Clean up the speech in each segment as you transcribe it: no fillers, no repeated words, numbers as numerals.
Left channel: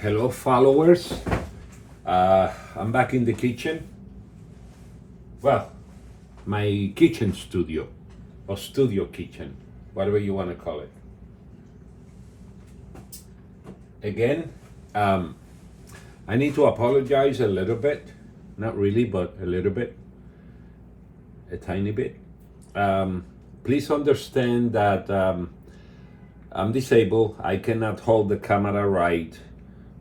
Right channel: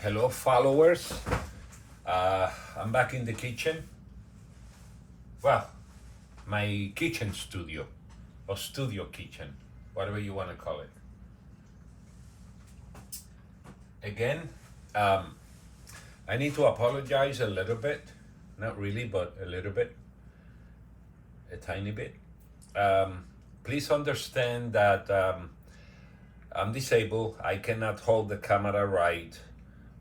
Hello, followers. I'm back in the kitchen. Well, my kitchen studio, or studio kitchen, whatever you want to call it. Again, I need to apologize a little bit. Not really, but a little bit. A tiny bit. Please understand that I'm disabled. I cannot hold the camera right.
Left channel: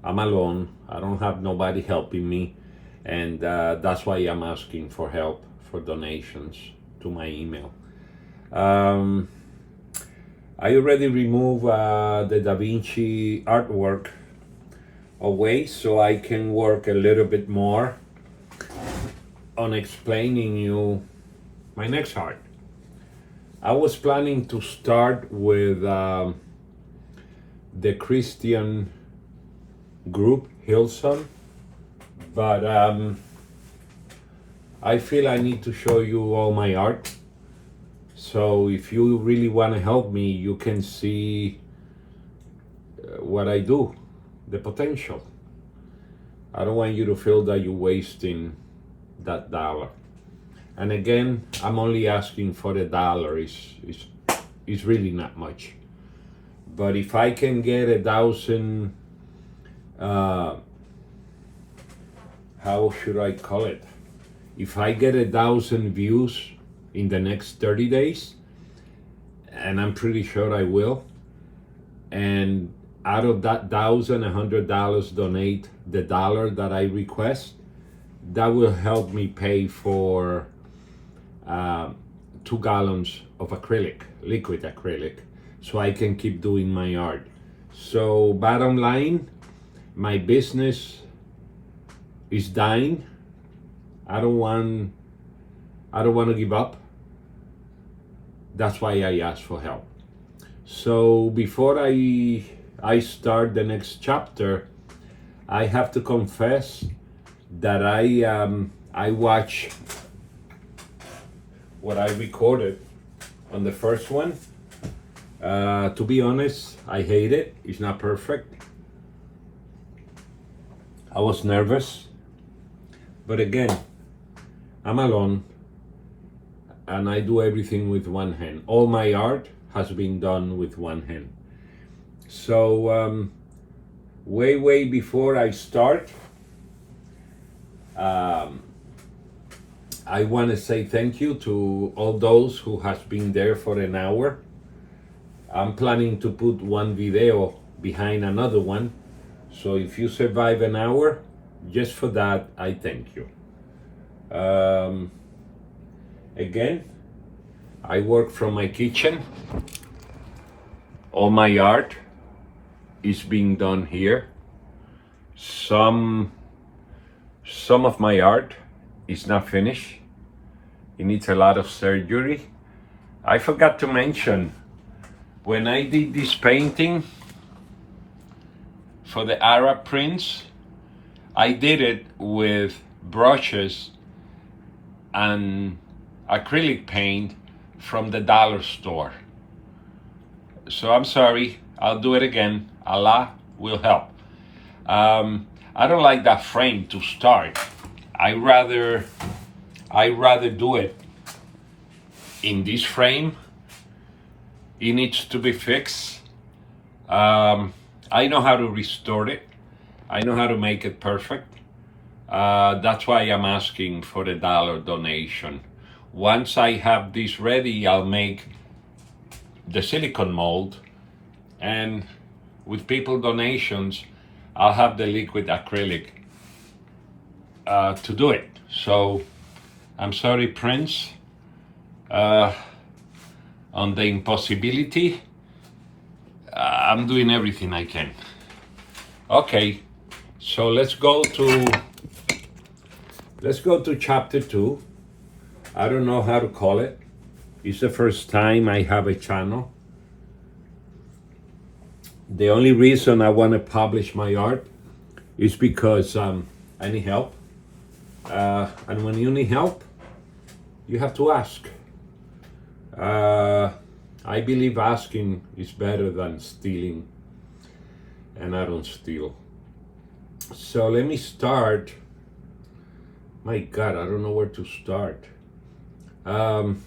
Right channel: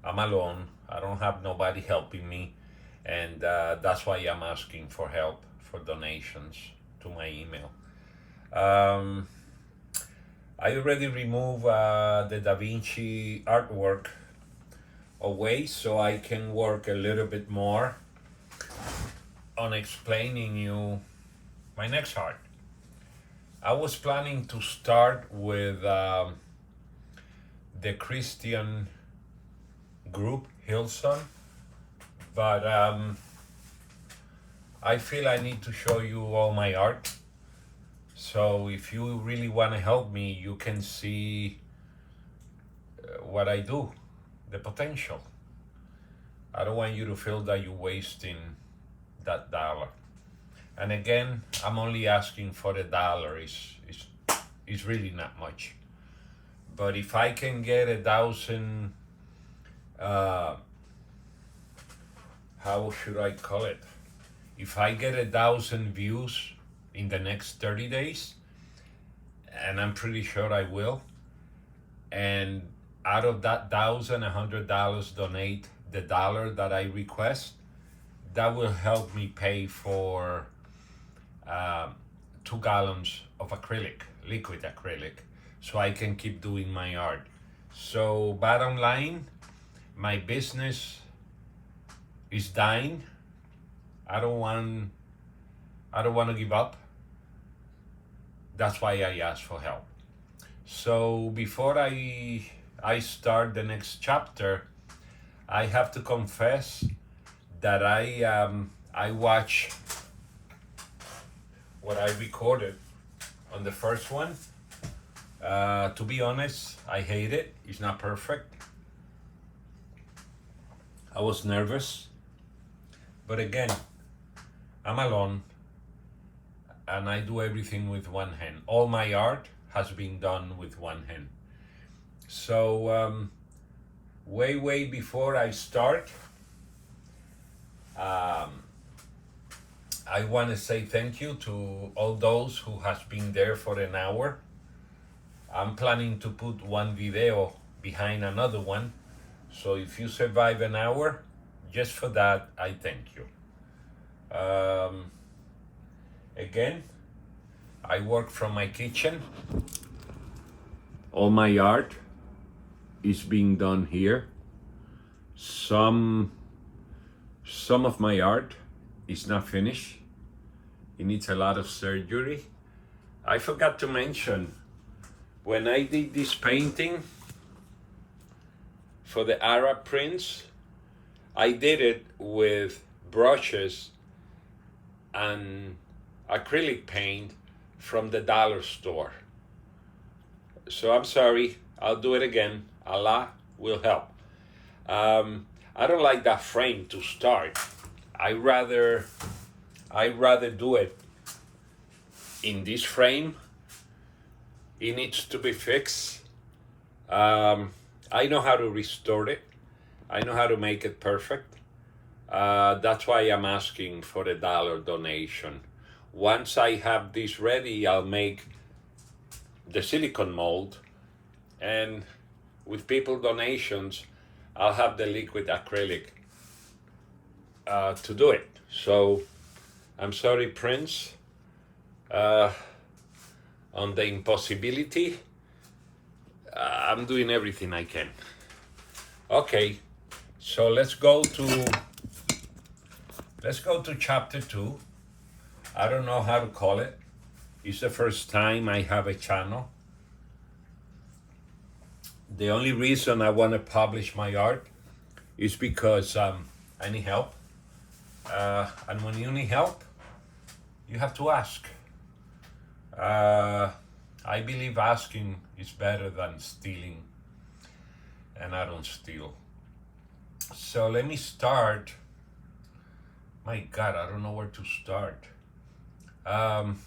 I'm alone. I don't have nobody helping me. And that's why I'm asking for help, for donations to my email. I already removed the Da Vinci artwork away so I can work a little bit more on explaining you my next art. I was planning to start with the Christian group Hillson, but I feel I need to show you all my art. So if you really want to help me, you can see what I do, the potential. I don't want you to feel that you're wasting that dollar. And again, I'm only asking for the dollar. It's really not much. But if I can get 1,000, how should I call it? If I get 1,000 views in the next 30 days, and I'm pretty sure I will, and out of that $1,000, $100 donate the dollar that I request, that will help me pay for 2 gallons of acrylic, liquid acrylic, so I can keep doing my art. So bottom line, my business is dying. I don't want to give up. That's why I ask for help. So before I start the next chapter, I have to confess that I watch what I recorded on the first one. To be honest, I hate it. It's not perfect. I was nervous, but again, I'm alone and I do everything with one hand. All my art has been done with one hand. So way before I start, I want to say thank you to all those who has been there for an hour. I'm planning to put one video behind another one. So if you survive an hour, just for that, I thank you. Again, I work from my kitchen. All my art is being done here. Some of my art is not finished. It needs a lot of surgery. I forgot to mention, when I did this painting for the Arab prince, I did it with brushes and acrylic paint from the dollar store. So I'm sorry, I'll do it again. Allah will help. I don't like that frame to start. I rather do it in this frame. It needs to be fixed. I know how to restore it. I know how to make it perfect. That's why I'm asking for the dollar donation. Once I have this ready, I'll make the silicone mold, and with people donations, I'll have the liquid acrylic to do it. So I'm sorry, Prince, on the impossibility. I'm doing everything I can. Okay, so let's go to chapter 2. I don't know how to call it. It's the first time I have a channel. The only reason I want to publish my art is because I need help. And when you need help, you have to ask. I believe asking is better than stealing, and I don't steal. So let me start. My God, I don't know where to start. Um,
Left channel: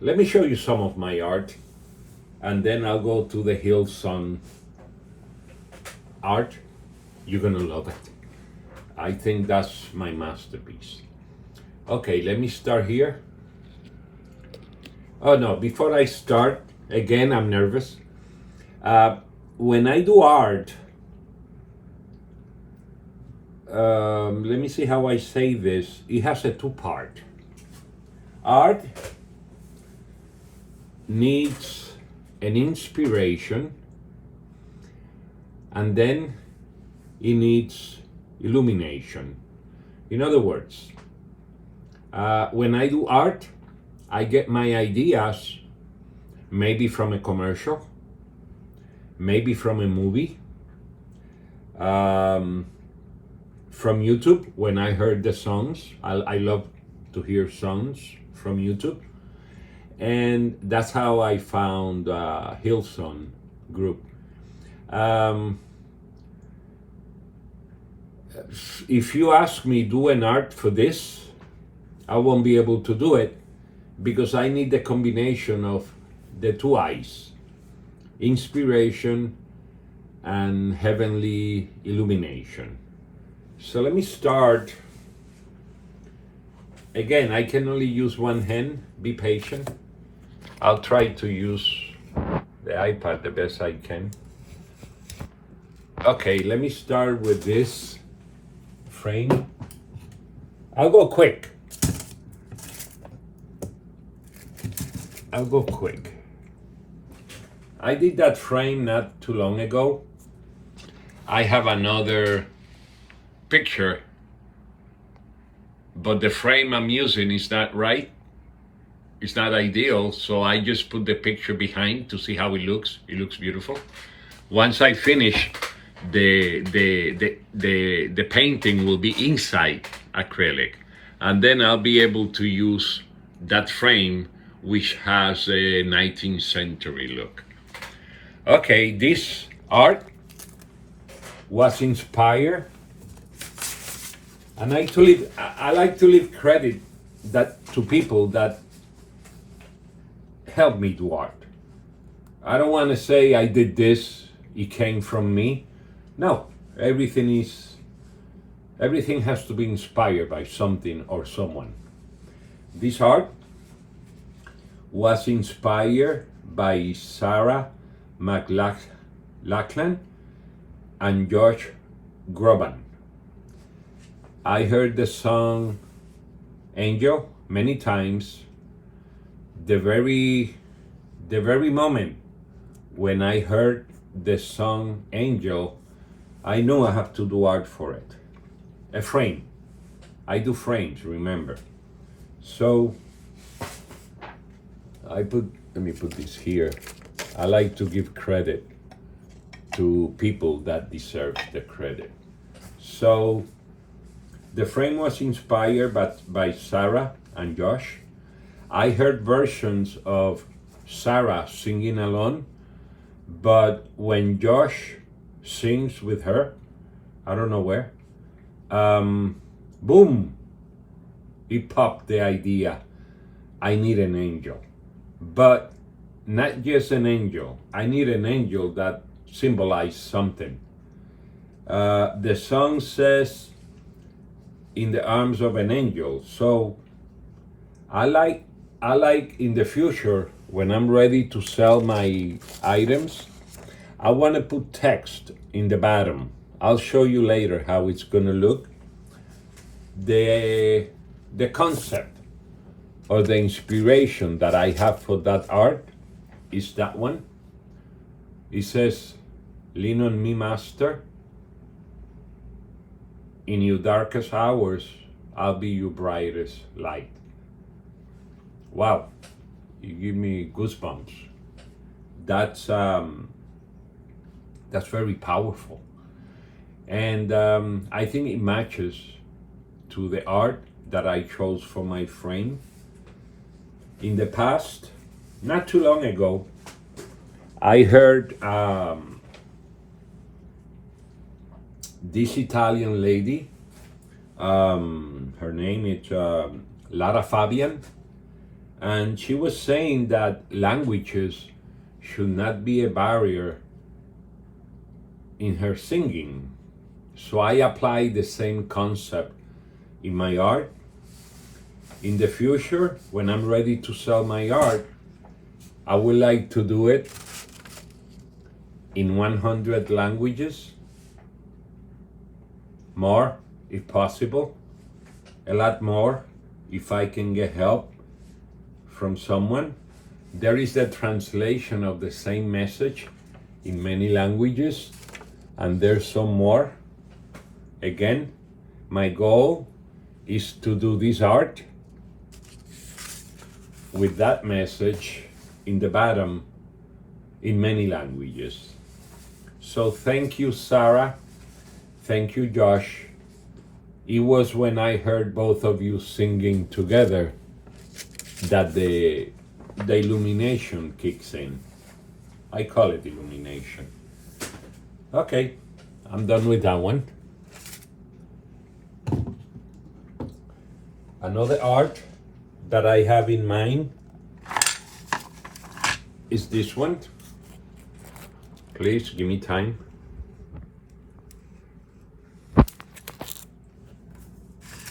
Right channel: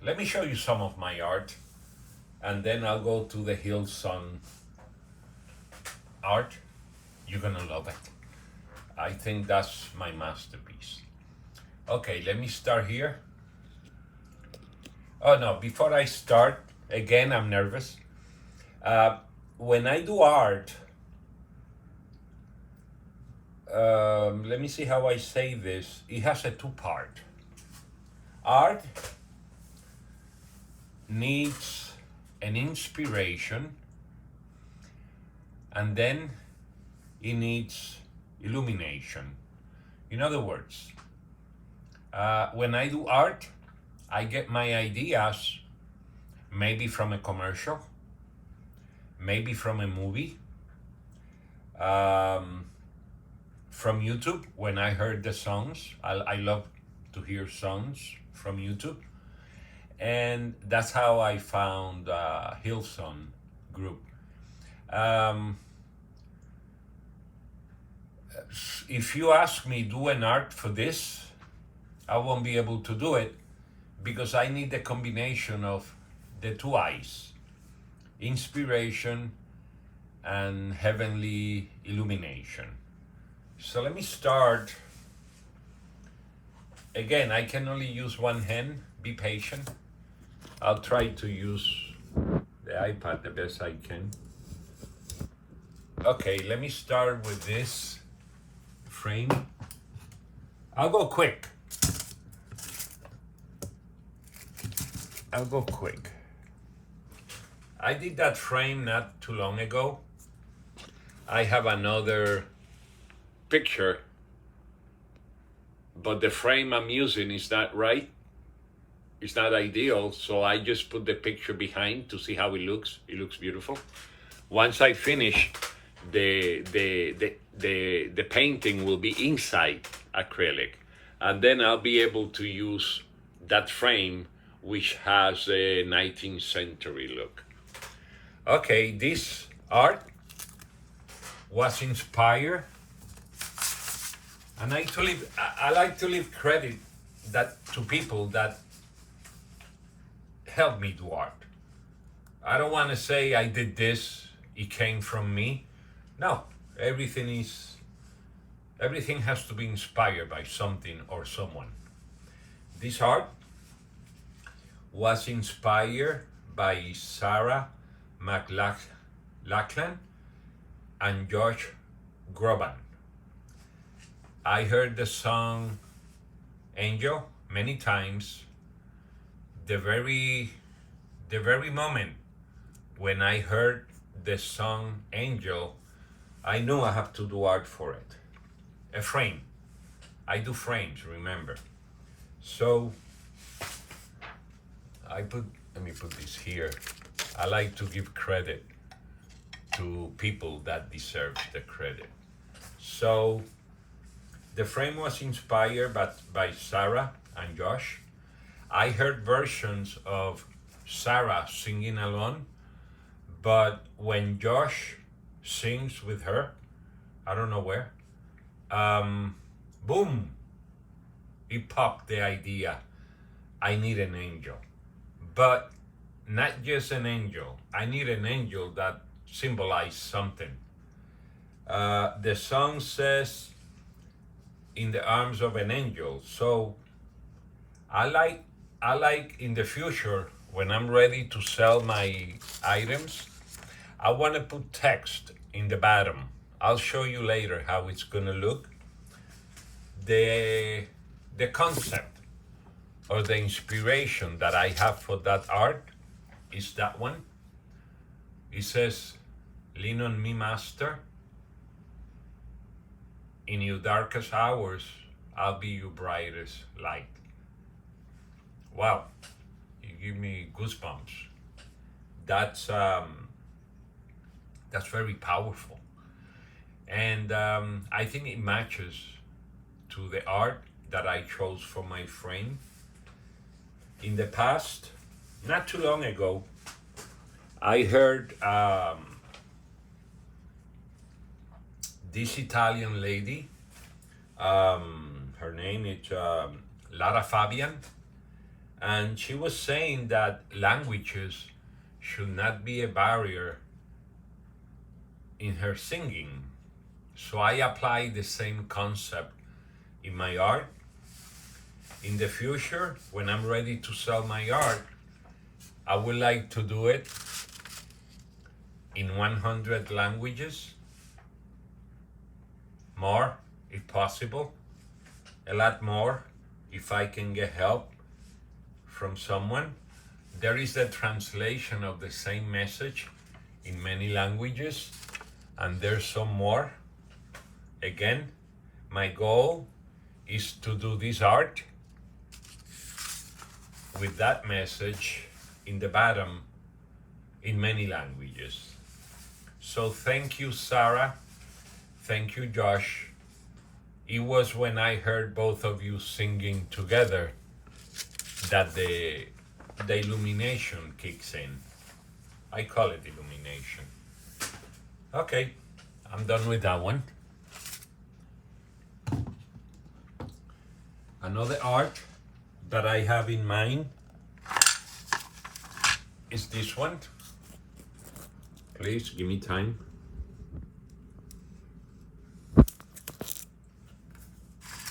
Let me show you some of my art, and then I'll go to the Hillson art. You're gonna love it. I think that's my masterpiece. Okay, let me start here. Oh no, before I start, again, I'm nervous. When I do art, let me see how I say this. It has a two-part. Art needs an inspiration, and then it needs illumination. In other words, when I do art, I get my ideas maybe from a commercial, maybe from a movie, from YouTube. When I heard the songs, I love to hear songs from YouTube. And that's how I found Hillson group. If you ask me do an art for this, I won't be able to do it because I need the combination of the two eyes, inspiration and heavenly illumination. So let me start. Again, I can only use one hand. Be patient. I'll try to use the iPad the best I can. Okay, let me start with this frame. I'll go quick. I did that frame not too long ago. I have another picture, but the frame I'm using is not right. It's not ideal, so I just put the picture behind to see how it looks. It looks beautiful. Once I finish, the painting will be inside acrylic, and then I'll be able to use that frame, which has a 19th century look. Okay, this art was inspired, and I like to leave credit to people that help me do art. I don't want to say I did this, it came from me. No, everything has to be inspired by something or someone. This art was inspired by Sarah McLachlan and Josh Groban. I heard the song Angel many times. The very moment when I heard the song Angel, I knew I have to do art for it. A frame. I do frames, remember. So let me put this here. I like to give credit to people that deserve the credit. So the frame was inspired by Sarah and Josh. I heard versions of Sarah singing alone, but when Josh sings with her, I don't know where, boom, it popped the idea, I need an angel. But not just an angel, I need an angel that symbolizes something. The song says, in the arms of an angel. So I like in the future, when I'm ready to sell my items, I want to put text in the bottom. I'll show you later how it's gonna look. The concept or the inspiration that I have for that art is that one. It says, lean on me, master. In your darkest hours, I'll be your brightest light. Wow, you give me goosebumps. That's very powerful. And I think it matches to the art that I chose for my frame. In the past, not too long ago, I heard this Italian lady, her name is Lara Fabian, and she was saying that languages should not be a barrier in her singing. So I apply the same concept in my art. In the future, when I'm ready to sell my art, I would like to do it in 100 languages, more if possible, a lot more if I can get help from someone. There is the translation of the same message in many languages, and there's some more. Again, my goal is to do this art with that message in the bottom in many languages. So thank you, Sarah. Thank you, Josh. It was when I heard both of you singing together that the illumination kicks in. I call it illumination. Okay, I'm done with that one. Another art that I have in mind is this one. Please give me time.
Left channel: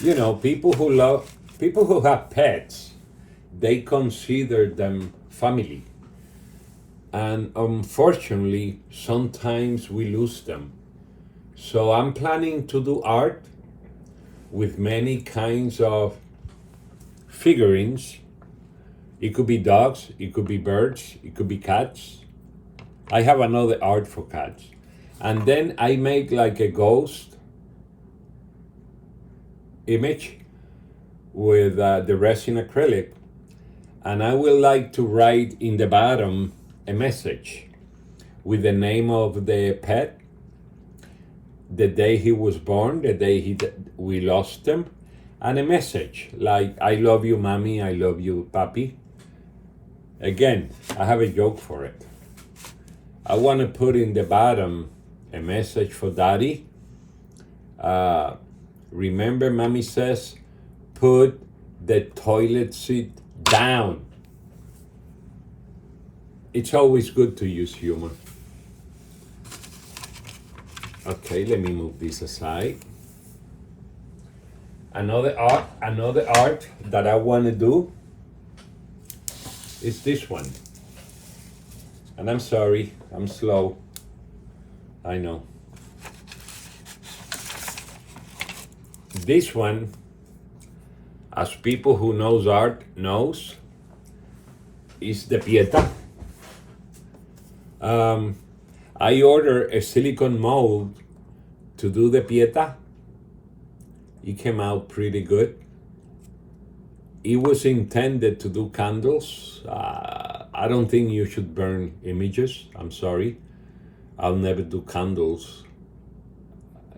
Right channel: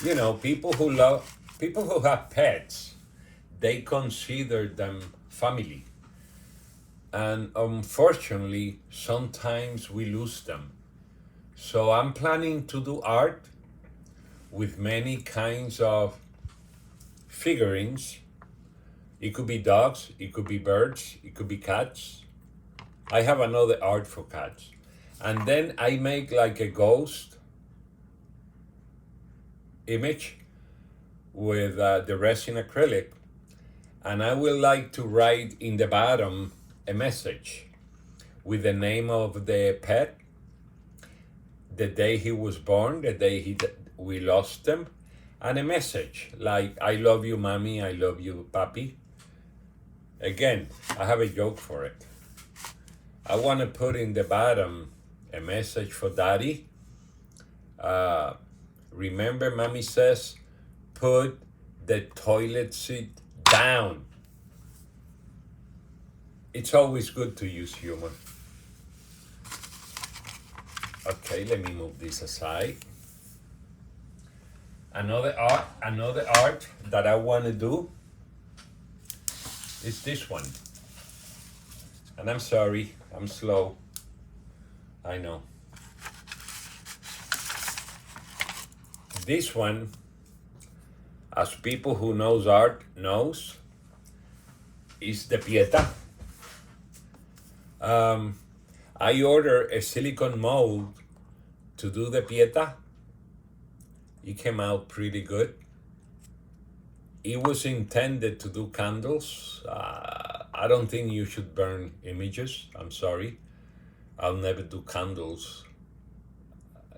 You know, people who have pets, they consider them family. And unfortunately, sometimes we lose them. So I'm planning to do art with many kinds of figurines. It could be dogs, it could be birds, it could be cats. I have another art for cats. And then I make like a ghost image with the resin acrylic. And I would like to write in the bottom a message with the name of the pet, the day he was born, the day we lost him, and a message like, I love you, mommy, I love you, papi. Again, I have a joke for it. I want to put in the bottom a message for daddy. Remember, mommy says, put the toilet seat down. It's always good to use humor. Okay, let me move this aside. Another art that I want to do is this one. And I'm sorry, I'm slow. I know. This one, as people who knows art knows, is the Pieta. I ordered a silicone mold to do the Pieta. It came out pretty good. It was intended to do candles. I don't think you should burn images. I'm sorry. I'll never do candles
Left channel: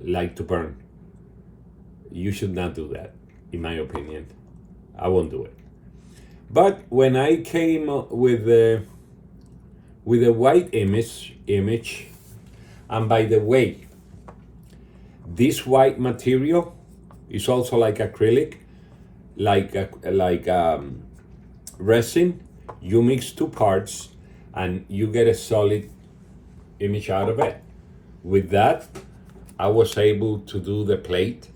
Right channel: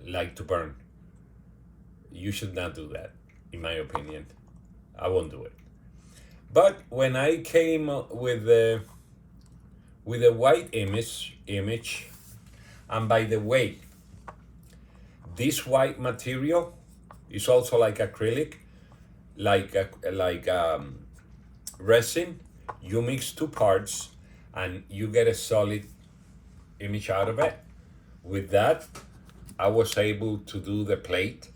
like to burn. You should not do that, in my opinion. I won't do it. But when I came with a white image, and by the way, this white material is also like acrylic, like resin. You mix two parts and you get a solid image out of it. With that, I was able to do the plate.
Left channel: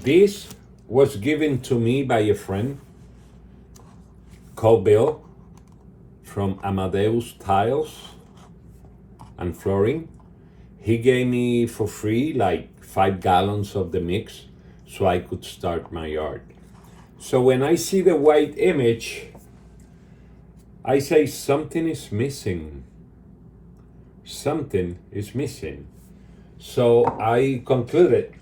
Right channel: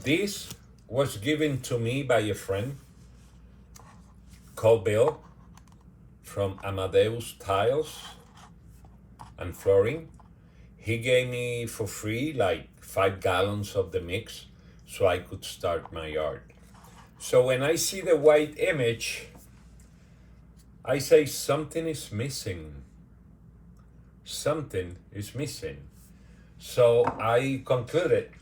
This was given to me by a friend called Bill from Amadeus Tiles and Flooring. He gave me for free like 5 gallons of the mix so I could start my art. So when I see the white image, I say something is missing. Something is missing. So I concluded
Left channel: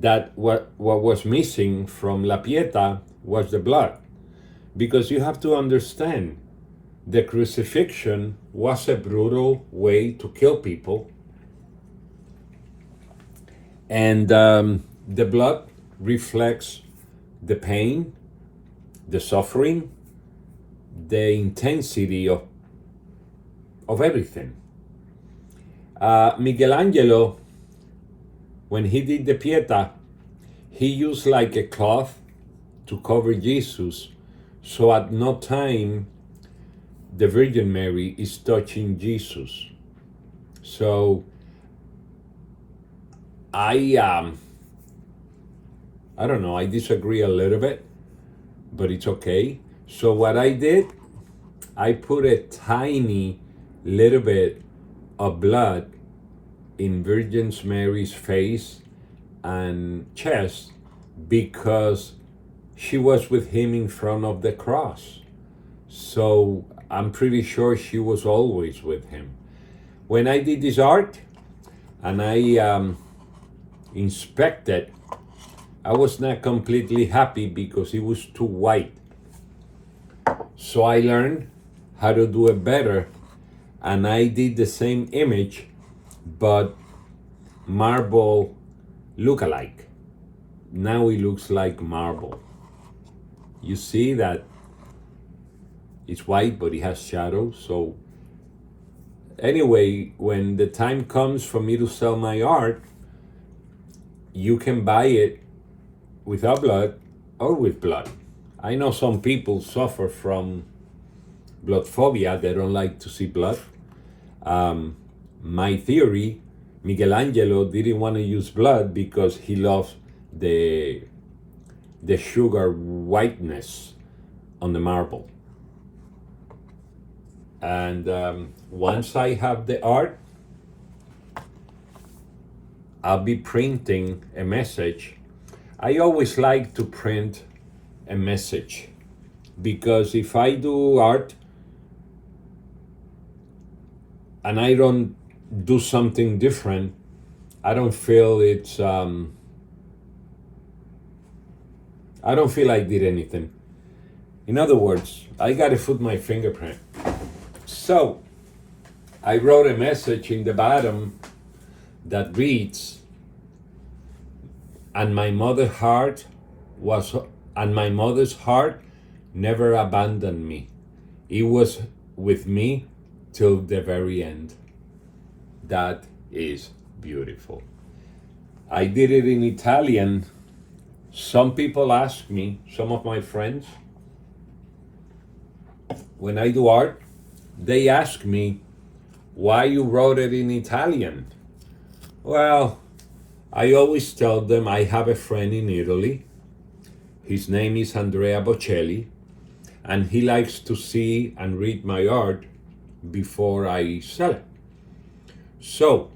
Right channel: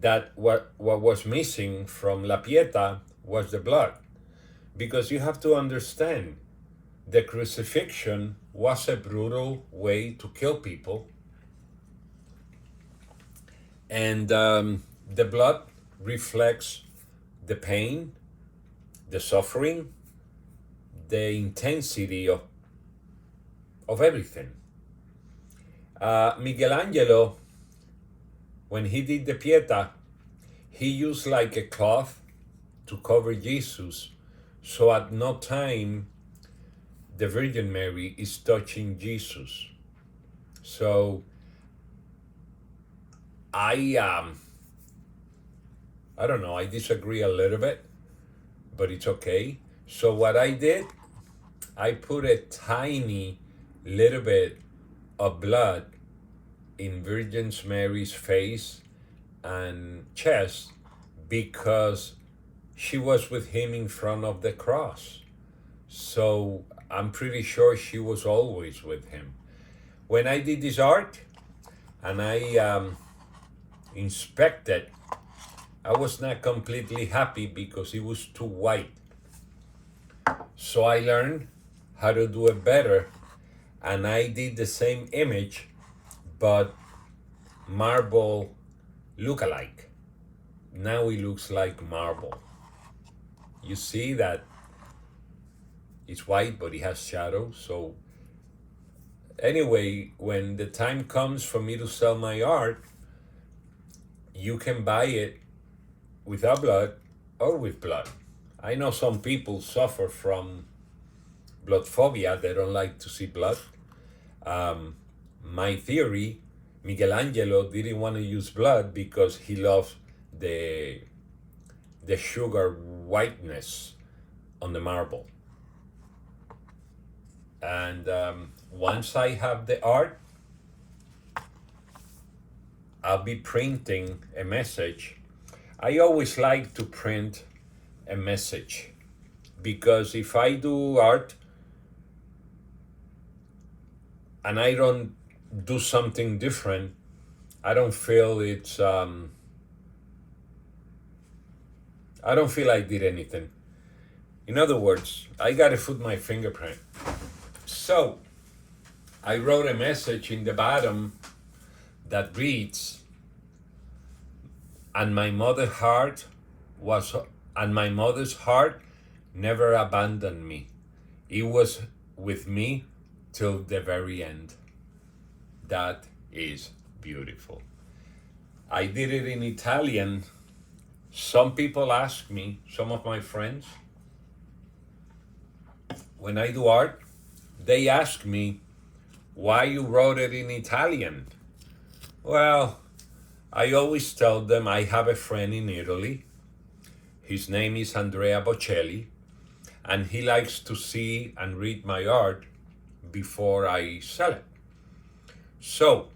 that what was missing from La Pieta was the blood. Because you have to understand, the crucifixion was a brutal way to kill people. And the blood reflects the pain, the suffering, the intensity of everything. Michelangelo, when he did the Pieta, he used like a cloth to cover Jesus, so at no time the Virgin Mary is touching Jesus. So I I don't know, I disagree a little bit, but it's okay. So what I did, I put a tiny little bit of blood in Virgin Mary's face and chest because she was with him in front of the cross. So I'm pretty sure she was always with him. When I did this art and I inspected, I was not completely happy because it was too white. So I learned how to do it better, and I did the same image but marble look-alike. Now it looks like marble. You see that it's white but it has shadows. So anyway, when the time comes for me to sell my art, you can buy it without blood or with blood. I know some people suffer from blood phobia. They don't like to see blood. My theory, Michelangelo didn't want to use blood because he loves the sugar whiteness on the marble. And once I have the art, I'll be printing a message. I always like to print a message because if I do art and I don't do something different, I don't feel it's I don't feel I did anything. In other words, I gotta put my fingerprint. So I wrote a message in the bottom that reads, and my mother's heart never abandoned me. It was with me till the very end. That is beautiful. I did it in Italian. Some people ask me, some of my friends, when I do art, they ask me why you wrote it in Italian. Well, I always tell them I have a friend in Italy. His name is Andrea Bocelli, and he likes to see and read my art before I sell it. So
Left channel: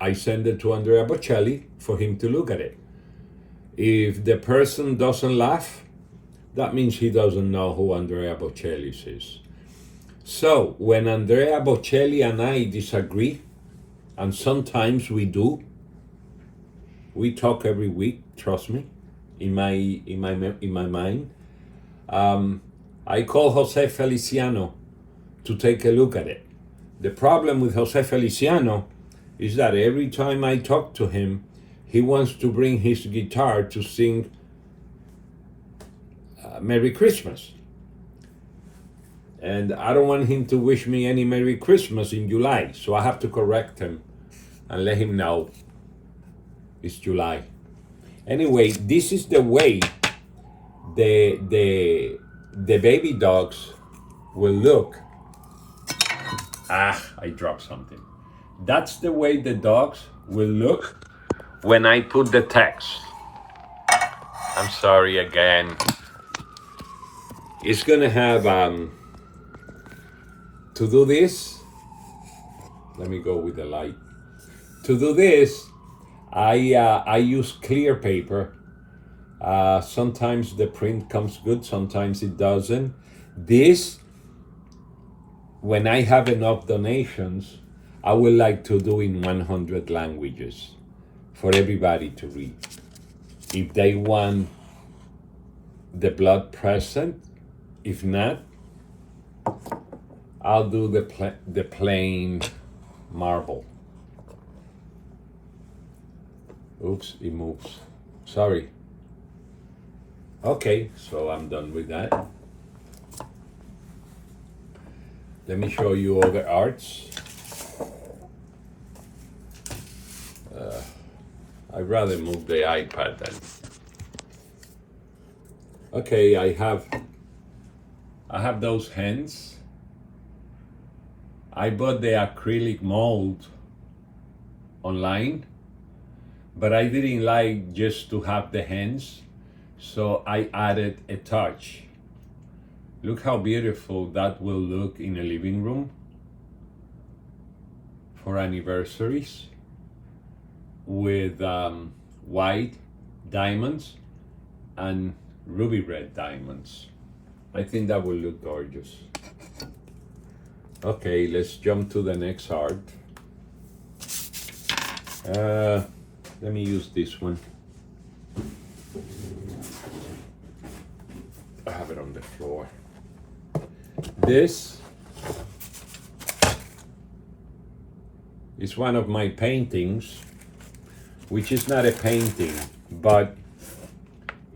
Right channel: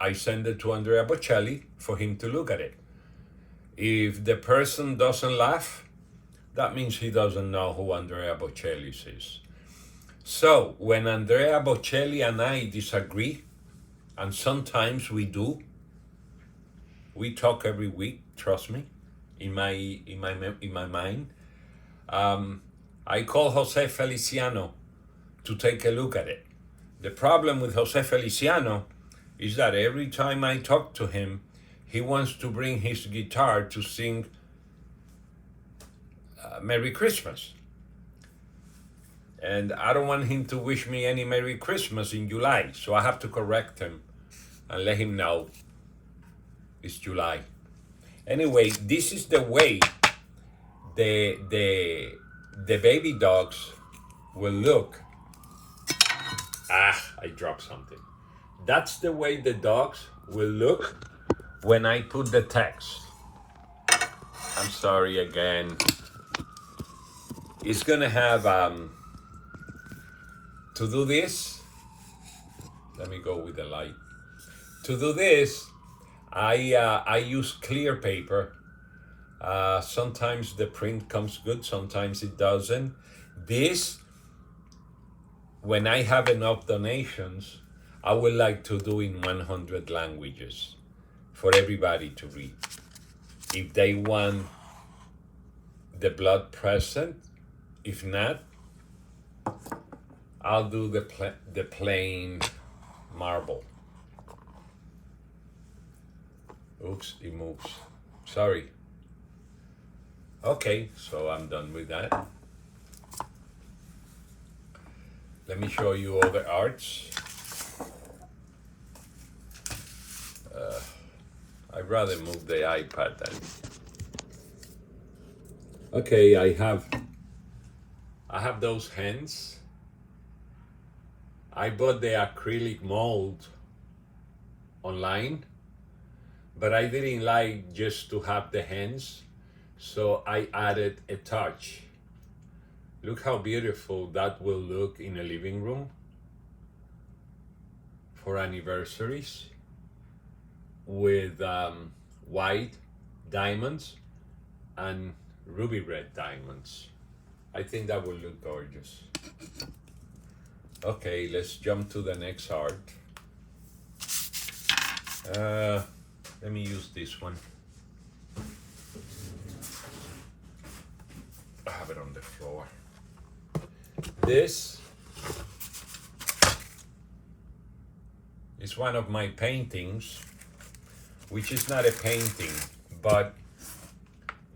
I send it to Andrea Bocelli for him to look at it. If the person doesn't laugh, that means he doesn't know who Andrea Bocelli is. So when Andrea Bocelli and I disagree, and sometimes we do, we talk every week, trust me, in my mind. I call Jose Feliciano to take a look at it. The problem with Jose Feliciano is that every time I talk to him, he wants to bring his guitar to sing Merry Christmas. And I don't want him to wish me any Merry Christmas in July, so I have to correct him and let him know it's July. Anyway, this is the way the baby dogs will look. I dropped something. That's the way the dogs will look when I put the text. I'm sorry again. It's gonna have to do this. Let me go with the light. To do this, I use clear paper. Sometimes the print comes good, sometimes it doesn't. This, when I have enough donations, I would like to do in 100 languages for everybody to read. If they want the blood present, if not, I'll do the plain marble. Oops, it moves. Sorry. Okay, so I'm done with that. Let me show you other arts. I'd rather move the iPad then. Okay, I have those hands. I bought the acrylic mold online, but I didn't like just to have the hands, so I added a touch. Look how beautiful that will look in a living room for anniversaries with white diamonds and ruby red diamonds. I think that will look gorgeous. Okay, let's jump to the next art. Let me use this one. I have it on the floor. This is one of my paintings, which is not a painting, but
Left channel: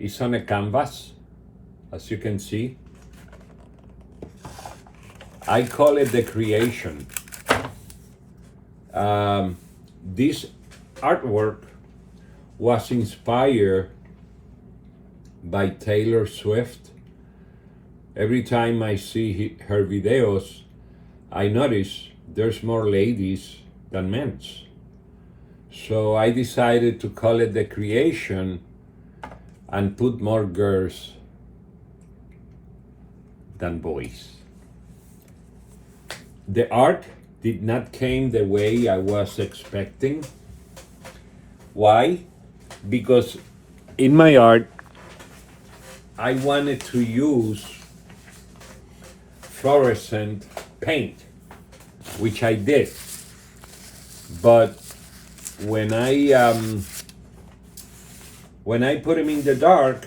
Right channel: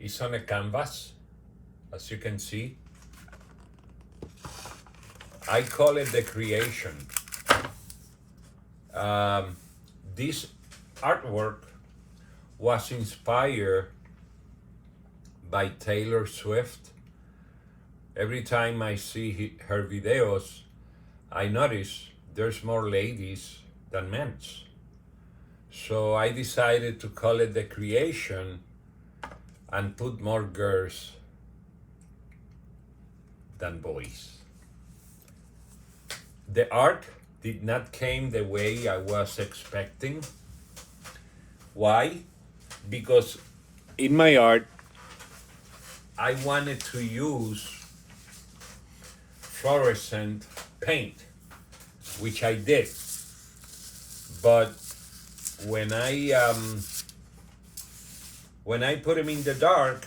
it's on a canvas, as you can see. I call it the creation. This artwork was inspired by Taylor Swift. Every time I see her videos, I notice there's more ladies than men. So I decided to call it the creation and put more girls than boys. The art did not came the way I was expecting. Why? Because in my art, I wanted to use fluorescent paint, which I did. But when I put them in the dark,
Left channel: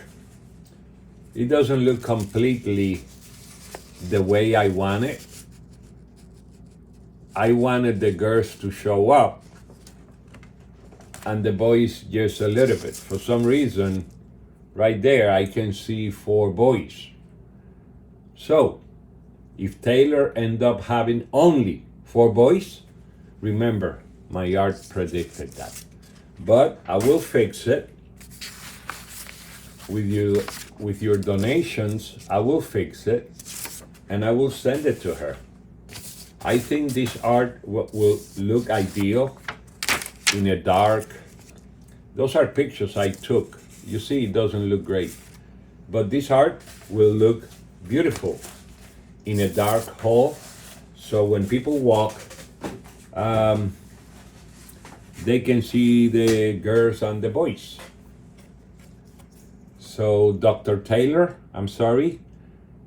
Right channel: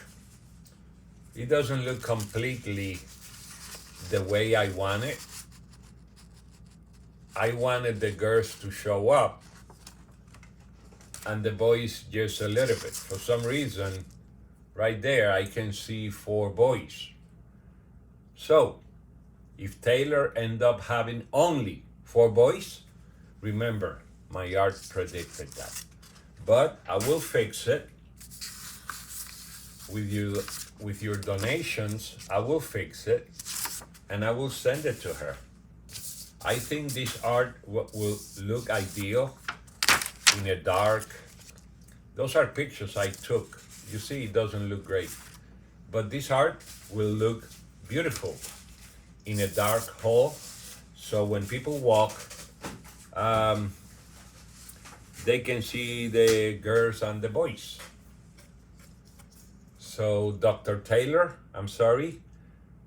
it doesn't look completely the way I want it. I wanted the girls to show up and the boys just a little bit. For some reason, right there, I can see 4 boys. So, if Taylor end up having only 4 boys, remember, my art predicted that. But I will fix it with your donations. I will fix it and I will send it to her. I think this art will look ideal in a dark. Those are pictures I took. You see, it doesn't look great, but this art will look beautiful in a dark hall. So when people walk, they can see the girls and the boys. So Dr. Taylor, I'm sorry,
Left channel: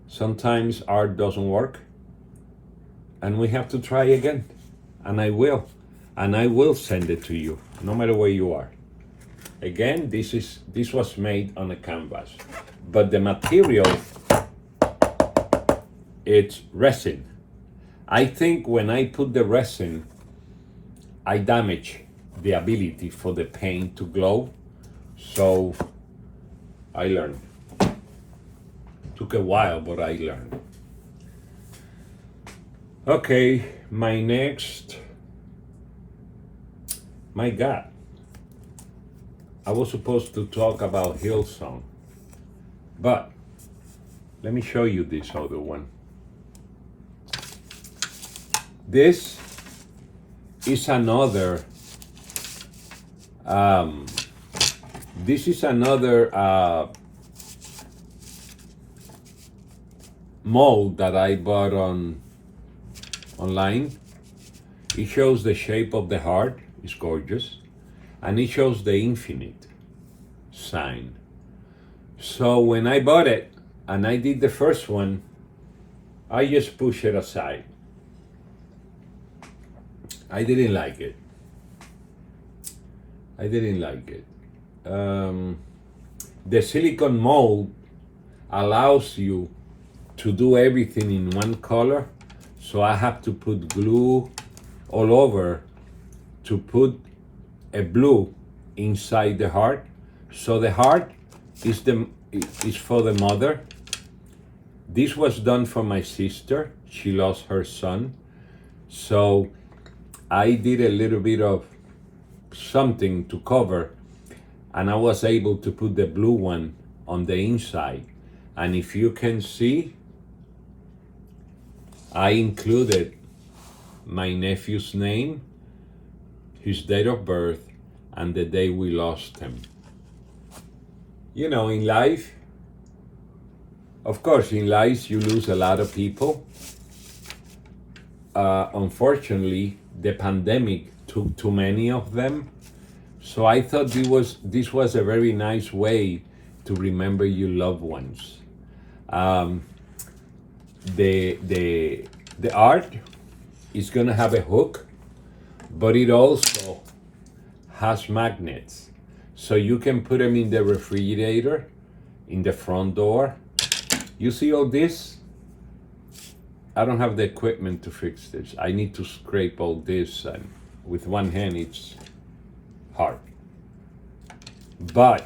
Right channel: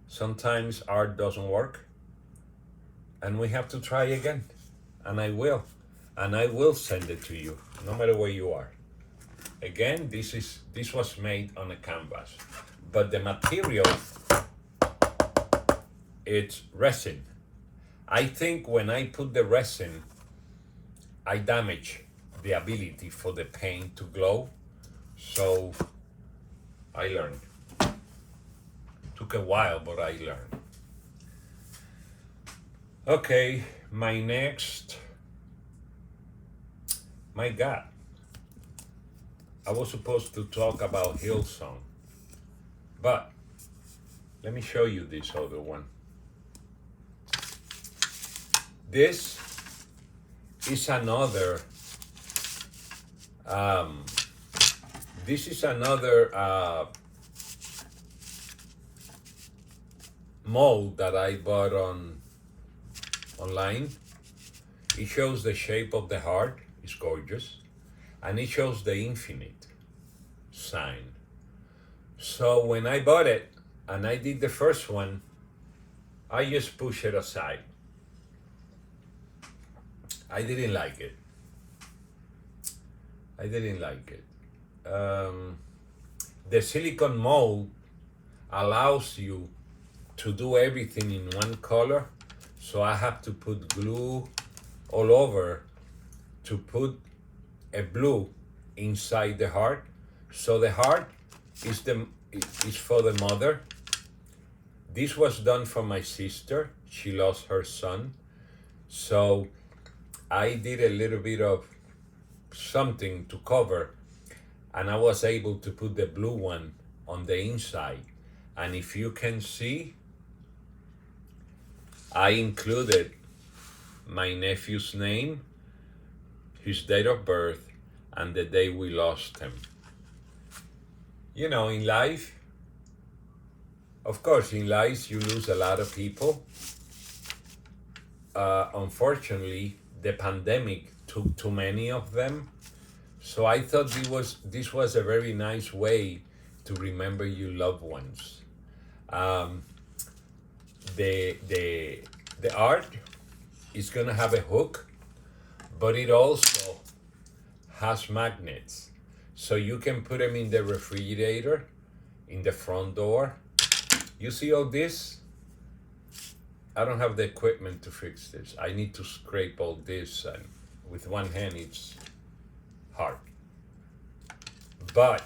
sometimes art doesn't work and we have to try again, and I will send it to you no matter where you are. Again, this was made on a canvas, but the material, it's resin. I think when I put the resin, I damage the ability for the paint to glow. So I learned. Took a while, but I learned. Okay, my God. I was supposed to talk about Hillson, but let me show you this other one. This is another mold that I bought online. It shows the shape of the heart. It's gorgeous, and it shows the infinite sign. So when I bought it and I did the first one, I just pushed it aside. I didn't like it. The silicone mold allows you to do everything in one color, so I have to put glue all over to put a blue inside the heart. So the heart is for the mother. This was done for my sister. She lost her son, so I did a little bit of something to cover and I was able to put the blue one on the inside. And if you can see, I included my nephew's name, his date of birth, and the day we lost him. You know, in life, of course, in life you lose a lot of people. Unfortunately, the pandemic took too many of them. So I thought this was a very nice way to remember your loved ones. The art is gonna have a hook, but it also has magnets. So you can put them in the refrigerator, in the front door. You see all this? I don't have the equipment to fix this. I need to scrape all this, and with one hand it's hard. But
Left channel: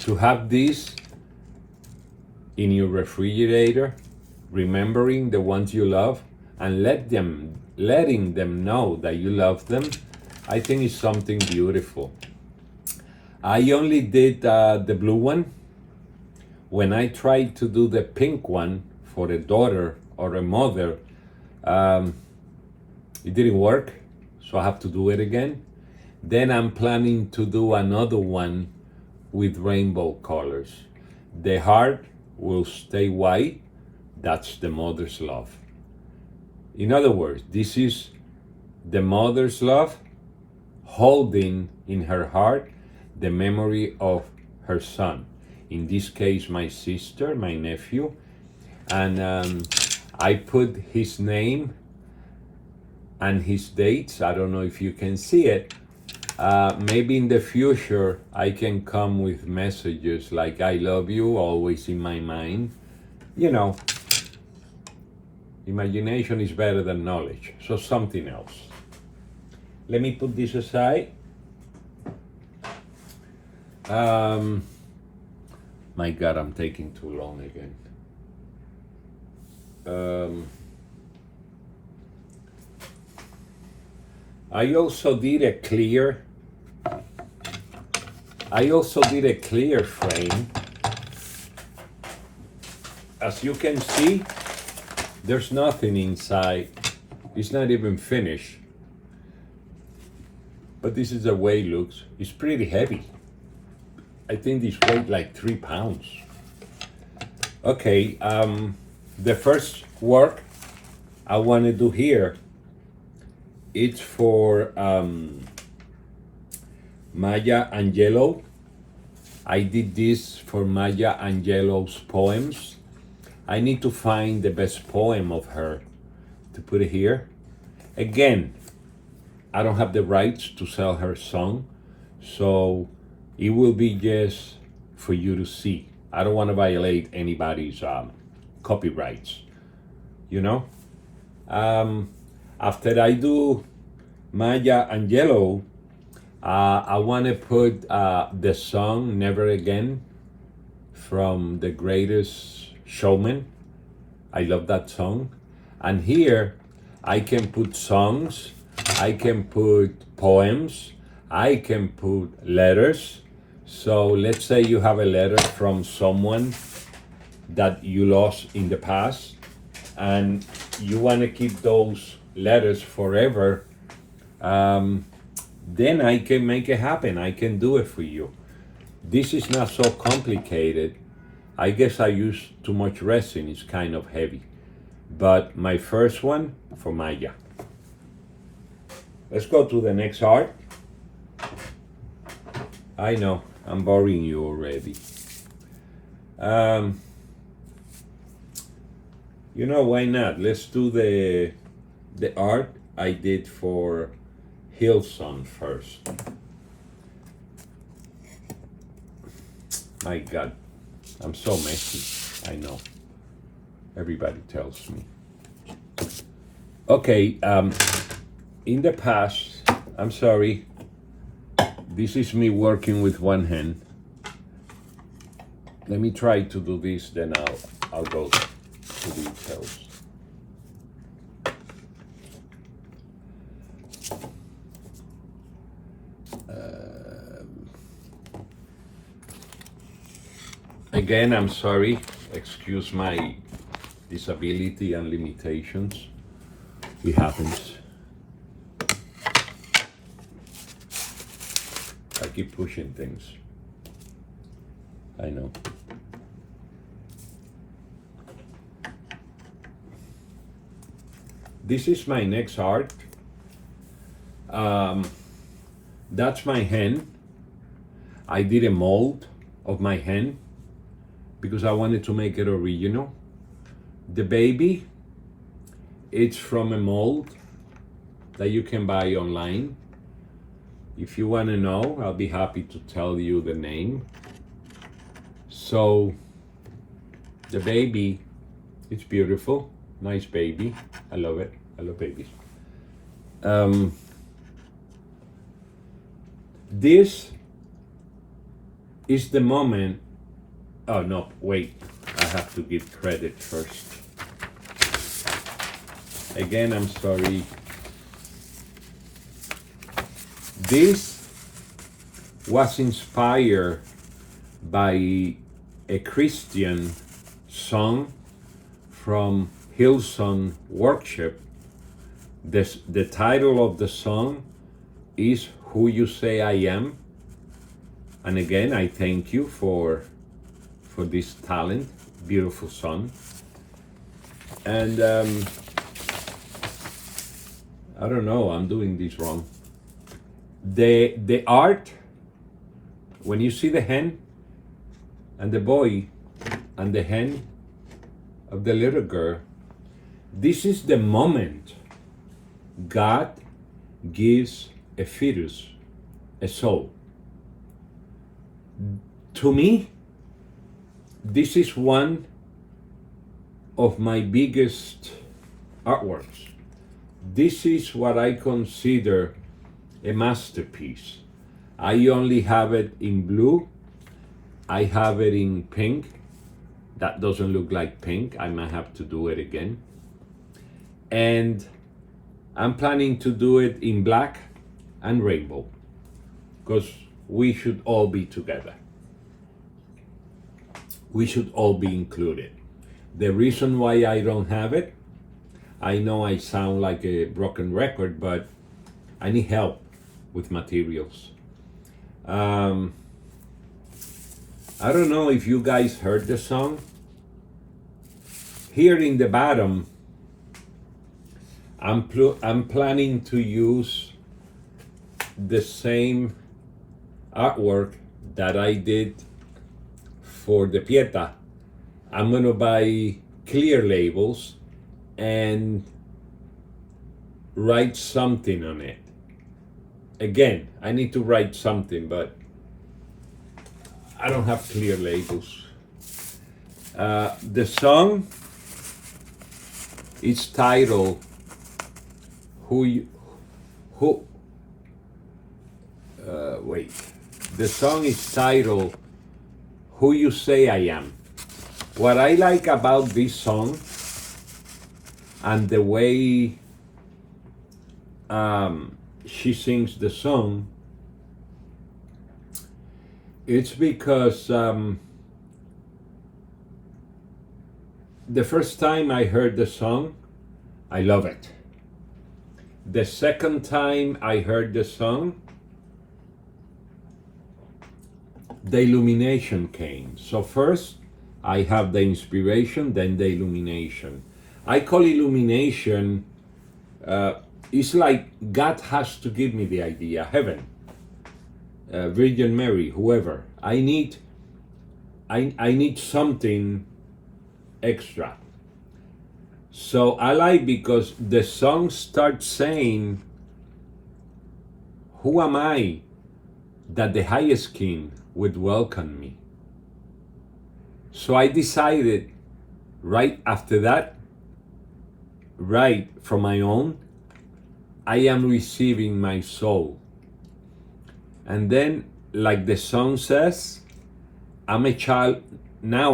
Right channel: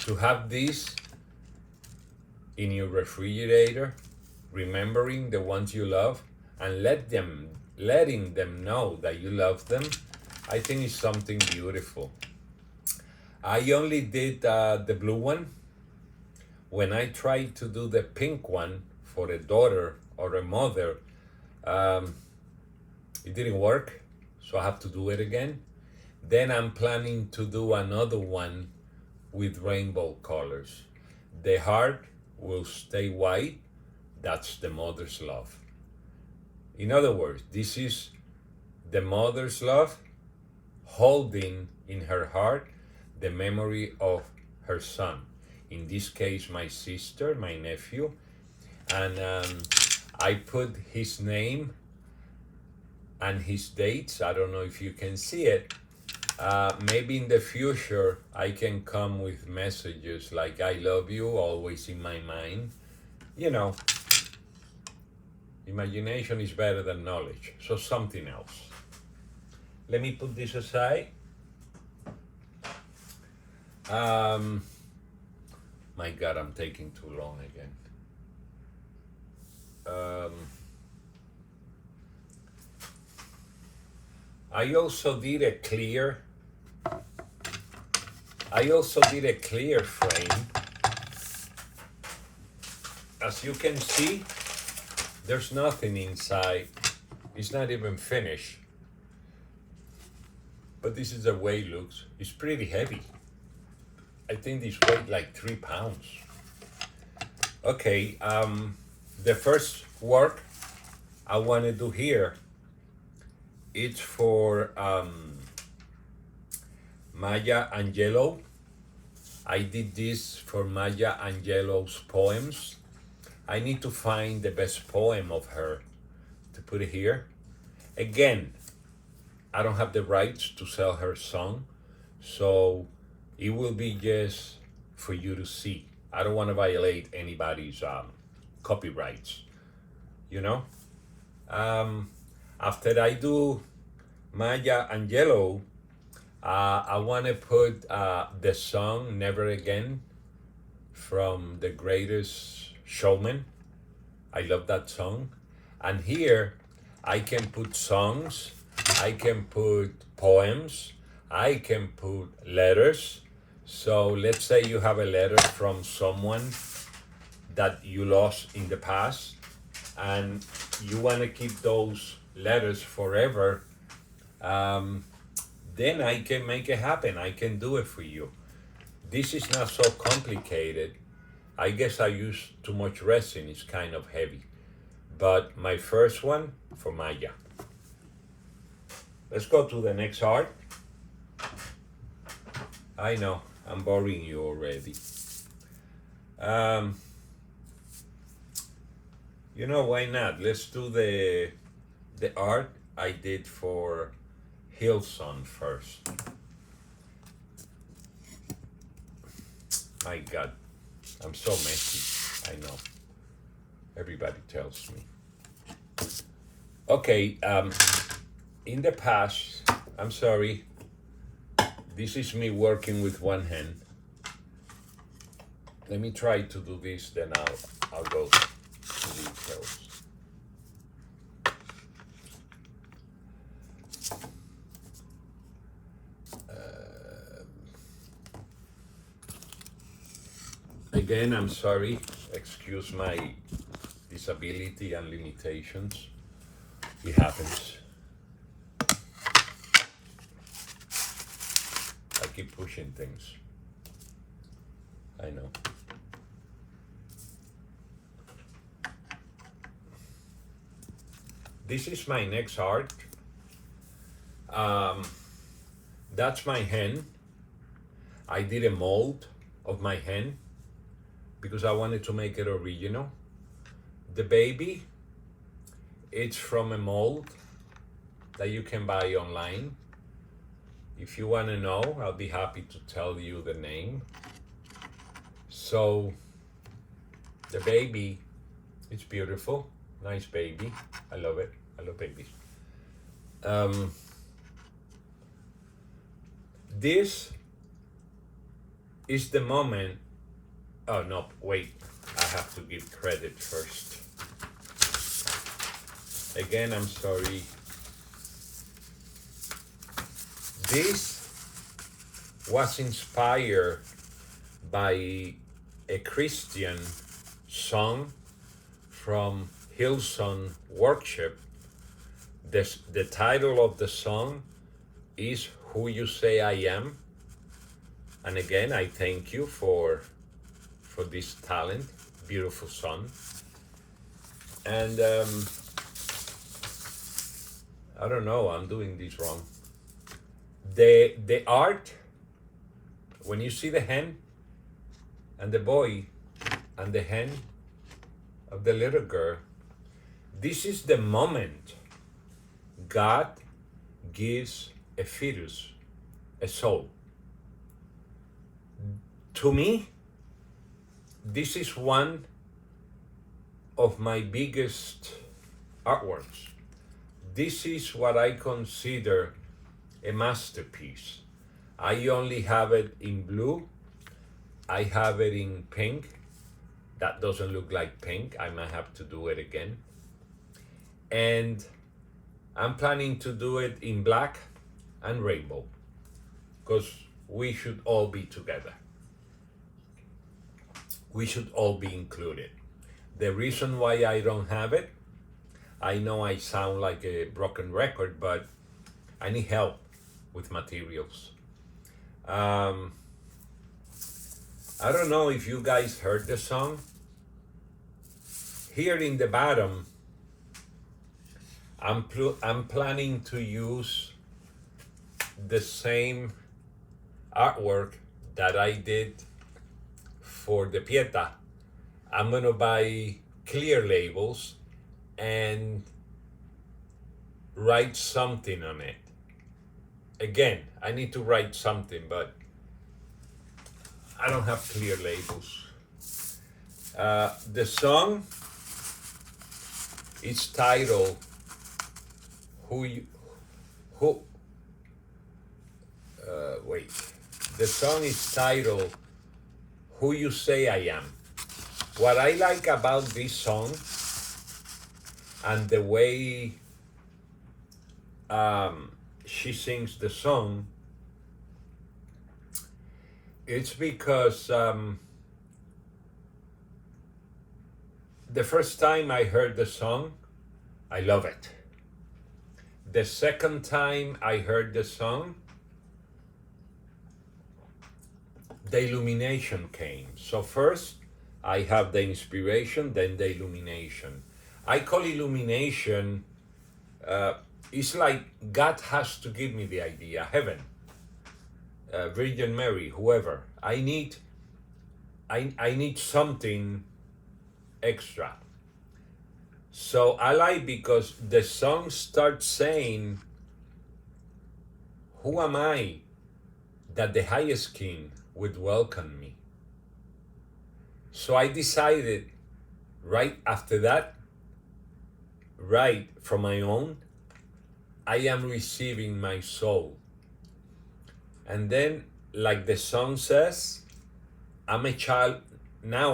to have this in your refrigerator, remembering the ones you love, and letting them know that you love them, I think is something beautiful. I only did the blue one. When I tried to do the pink one for a daughter or a mother, it didn't work, so I have to do it again. Then I'm planning to do another one with rainbow colors. The heart will stay white. That's the mother's love. In other words, this is the mother's love holding in her heart the memory of her son. In this case, my sister, my nephew. And I put his name and his dates. I don't know if you can see it. Maybe in the future I can come with messages like I love you, always in my mind. You know, imagination is better than knowledge. So something else. Let me put this aside. My God, I'm taking too long again. I also did a clear frame. As you can see, there's nothing inside. It's not even finished. But this is the way it looks. It's pretty heavy. I think this weighs like 3 pounds. Okay, the first work I want to do here, it's for Maya Angelou. I did this for Maya Angelou's poems. I need to find the best poem of her to put it here. Again, I don't have the rights to sell her song, so it will be just for you to see. I don't want to violate anybody's copyrights, you know? After I do Maya Angelou, I want to put the song Never Again from The Greatest Showman. I love that song. And here I can put songs, I can put poems, I can put letters. So let's say you have a letter from someone that you lost in the past and you want to keep those letters forever, then I can make it happen. I can do it for you. This is not so complicated. I guess I use too much resin. It's kind of heavy. But my first one for Maya. Let's go to the next art. I know, I'm boring you already. You know, why not? Let's do the art I did for Hillson first. My God, I'm so messy. I know. Everybody tells me. Okay, in the past, I'm sorry. This is me working with one hand. Let me try to do this, then I'll go to details. Again, I'm sorry. Excuse my disability and limitations. It happens. I keep pushing things. I know. This is my next art. That's my hen. I did a mold of my hen because I wanted to make it original. The baby, it's from a mold that you can buy online. If you want to know, I'll be happy to tell you the name. So the baby, it's beautiful, nice baby. I love it. I love babies. This is the moment. Oh no, wait. I have to give credit first. Again, I'm sorry. This was inspired by a Christian song from Hillson worship. The title of the song is Who You Say I Am. And again, I thank you for this talent, beautiful song. And I don't know, I'm doing this wrong. The art, when you see the hen and the boy and the hen of the little girl, this is the moment God gives a fetus a soul. To me, this is one of my biggest artworks. This is what I consider a masterpiece. I only have it in blue. I have it in pink. That doesn't look like pink. I might have to do it again. And I'm planning to do it in black and rainbow because we should all be together. We should all be included. The reason why I don't have it, I know I sound like a broken record, but I need help with materials. I don't know if you guys heard the song. Here in the bottom, I'm planning to use the same artwork that I did for the Pieta. I'm gonna buy clear labels and write something on it. Again, I need to write something, but I don't have clear labels. The song is titled The song is titled Who You Say I Am. What I like about this song and the way she sings the song, it's because the first time I heard the song, I love it. The second time I heard the song, the illumination came. So first I have the inspiration, then the illumination. I call illumination, it's like God has to give me the idea, heaven, Virgin Mary, whoever. I need something extra. So I like because the song starts saying, who am I that the highest king would welcome me? So I decided right after that, right from my own, I am receiving my soul. And then, like the song says, I'm a child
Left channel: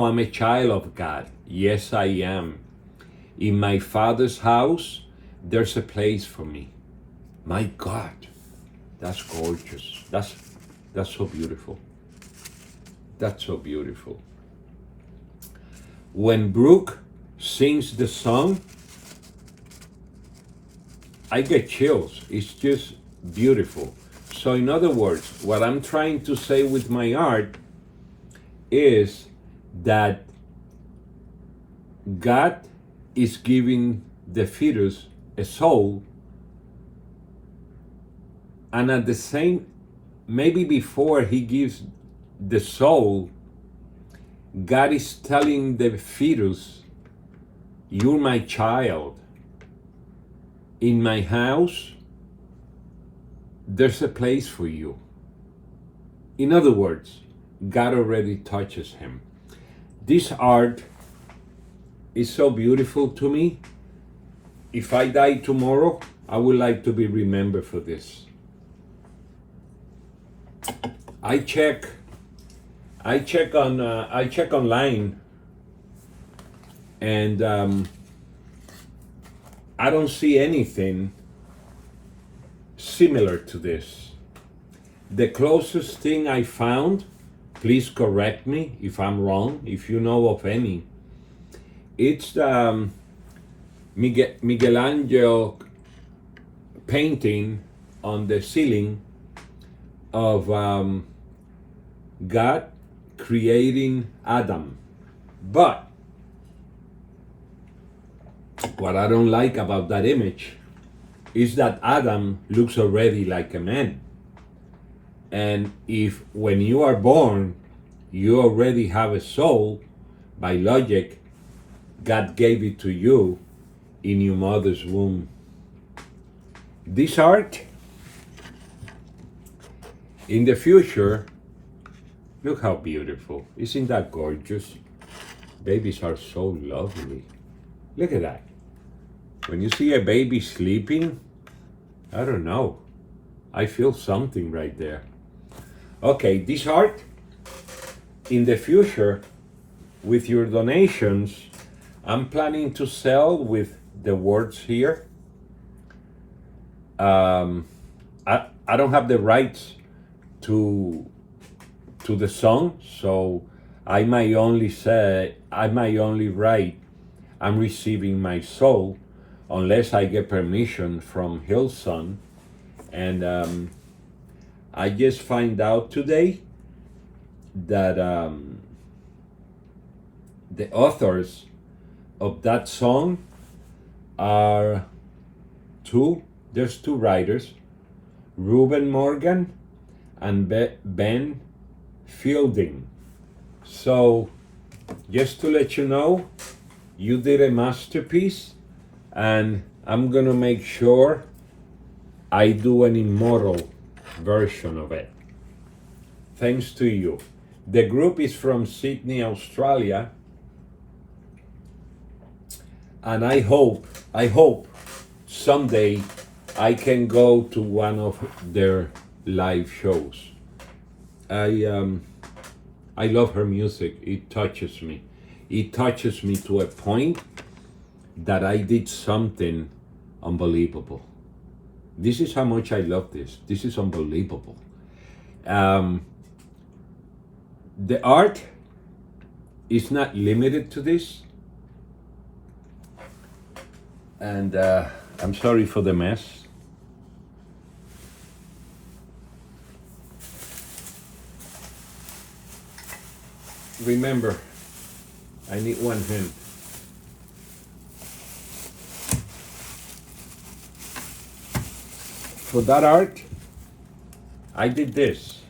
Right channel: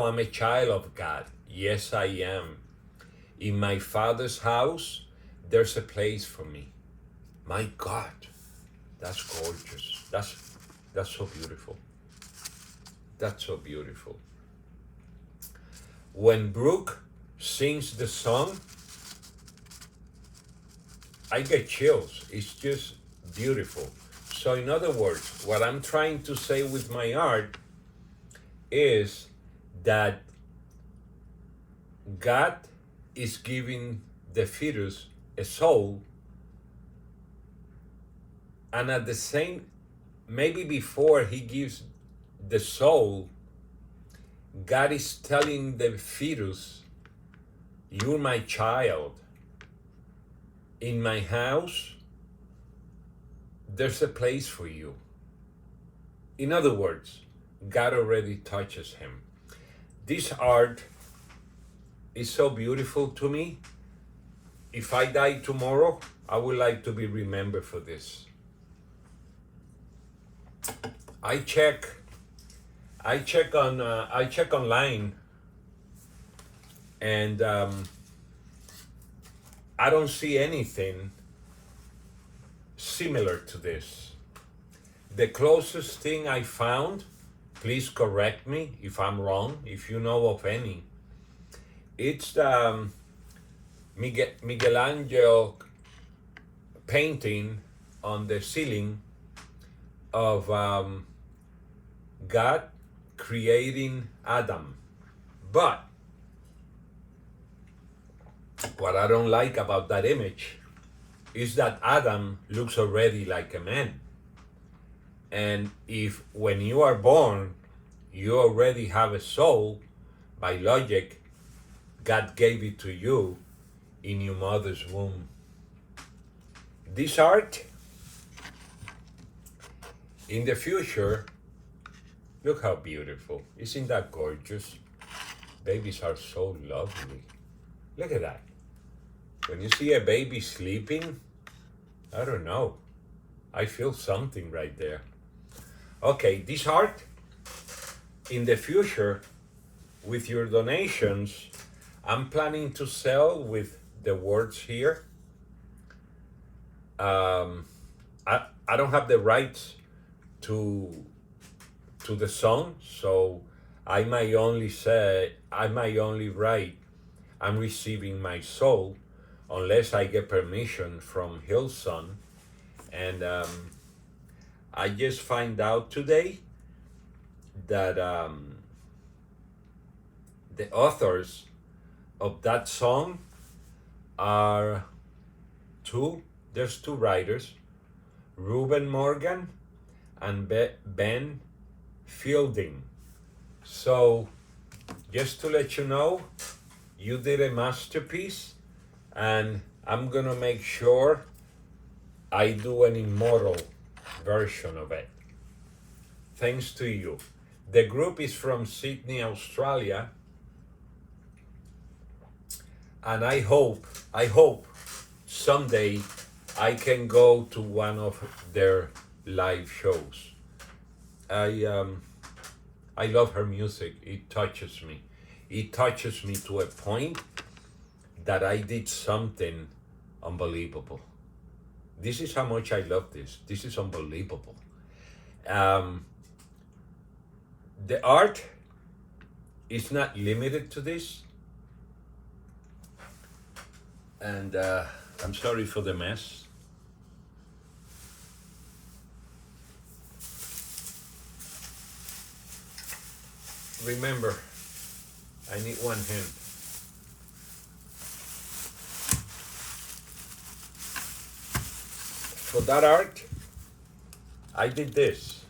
of God. Yes, I am. In my Father's house, there's a place for me. My God, that's gorgeous. That's so beautiful. That's so beautiful. When Brooke sings the song, I get chills. It's just beautiful. So, in other words, what I'm trying to say with my art is that God is giving the fetus a soul, and at the same, maybe before he gives the soul, God is telling the fetus, you're my child. In my house, there's a place for you. In other words, God already touches him. This art is so beautiful to me. If I die tomorrow, I would like to be remembered for this. I check online, and I don't see anything similar to this. The closest thing I found, please correct me if I'm wrong, if you know of any, it's Michelangelo painting on the ceiling of God creating Adam. But what I don't like about that image is that Adam looks already like a man. And if when you are born, you already have a soul, by logic, God gave it to you in your mother's womb. This art, in the future, look how beautiful. Isn't that gorgeous? Babies are so lovely. Look at that. When you see a baby sleeping, I don't know. I feel something right there. Okay, this art, in the future, with your donations, I'm planning to sell with the words here. I don't have the rights to the song, so I might only write, I'm receiving my soul, unless I get permission from Hillson. And I just find out today that the authors of that song are there's two writers, Reuben Morgan and Ben Fielding. So just to let you know, you did a masterpiece, and I'm gonna make sure I do an immortal version of it. Thanks to you. The group is from Sydney, Australia, and I hope someday I can go to one of their live shows. I love her music. It touches me. It touches me to a point that I did something unbelievable. This is how much I love this. This is unbelievable. The art is not limited to this. And I'm sorry for the mess. Remember, I need one hand. For that art, I did this.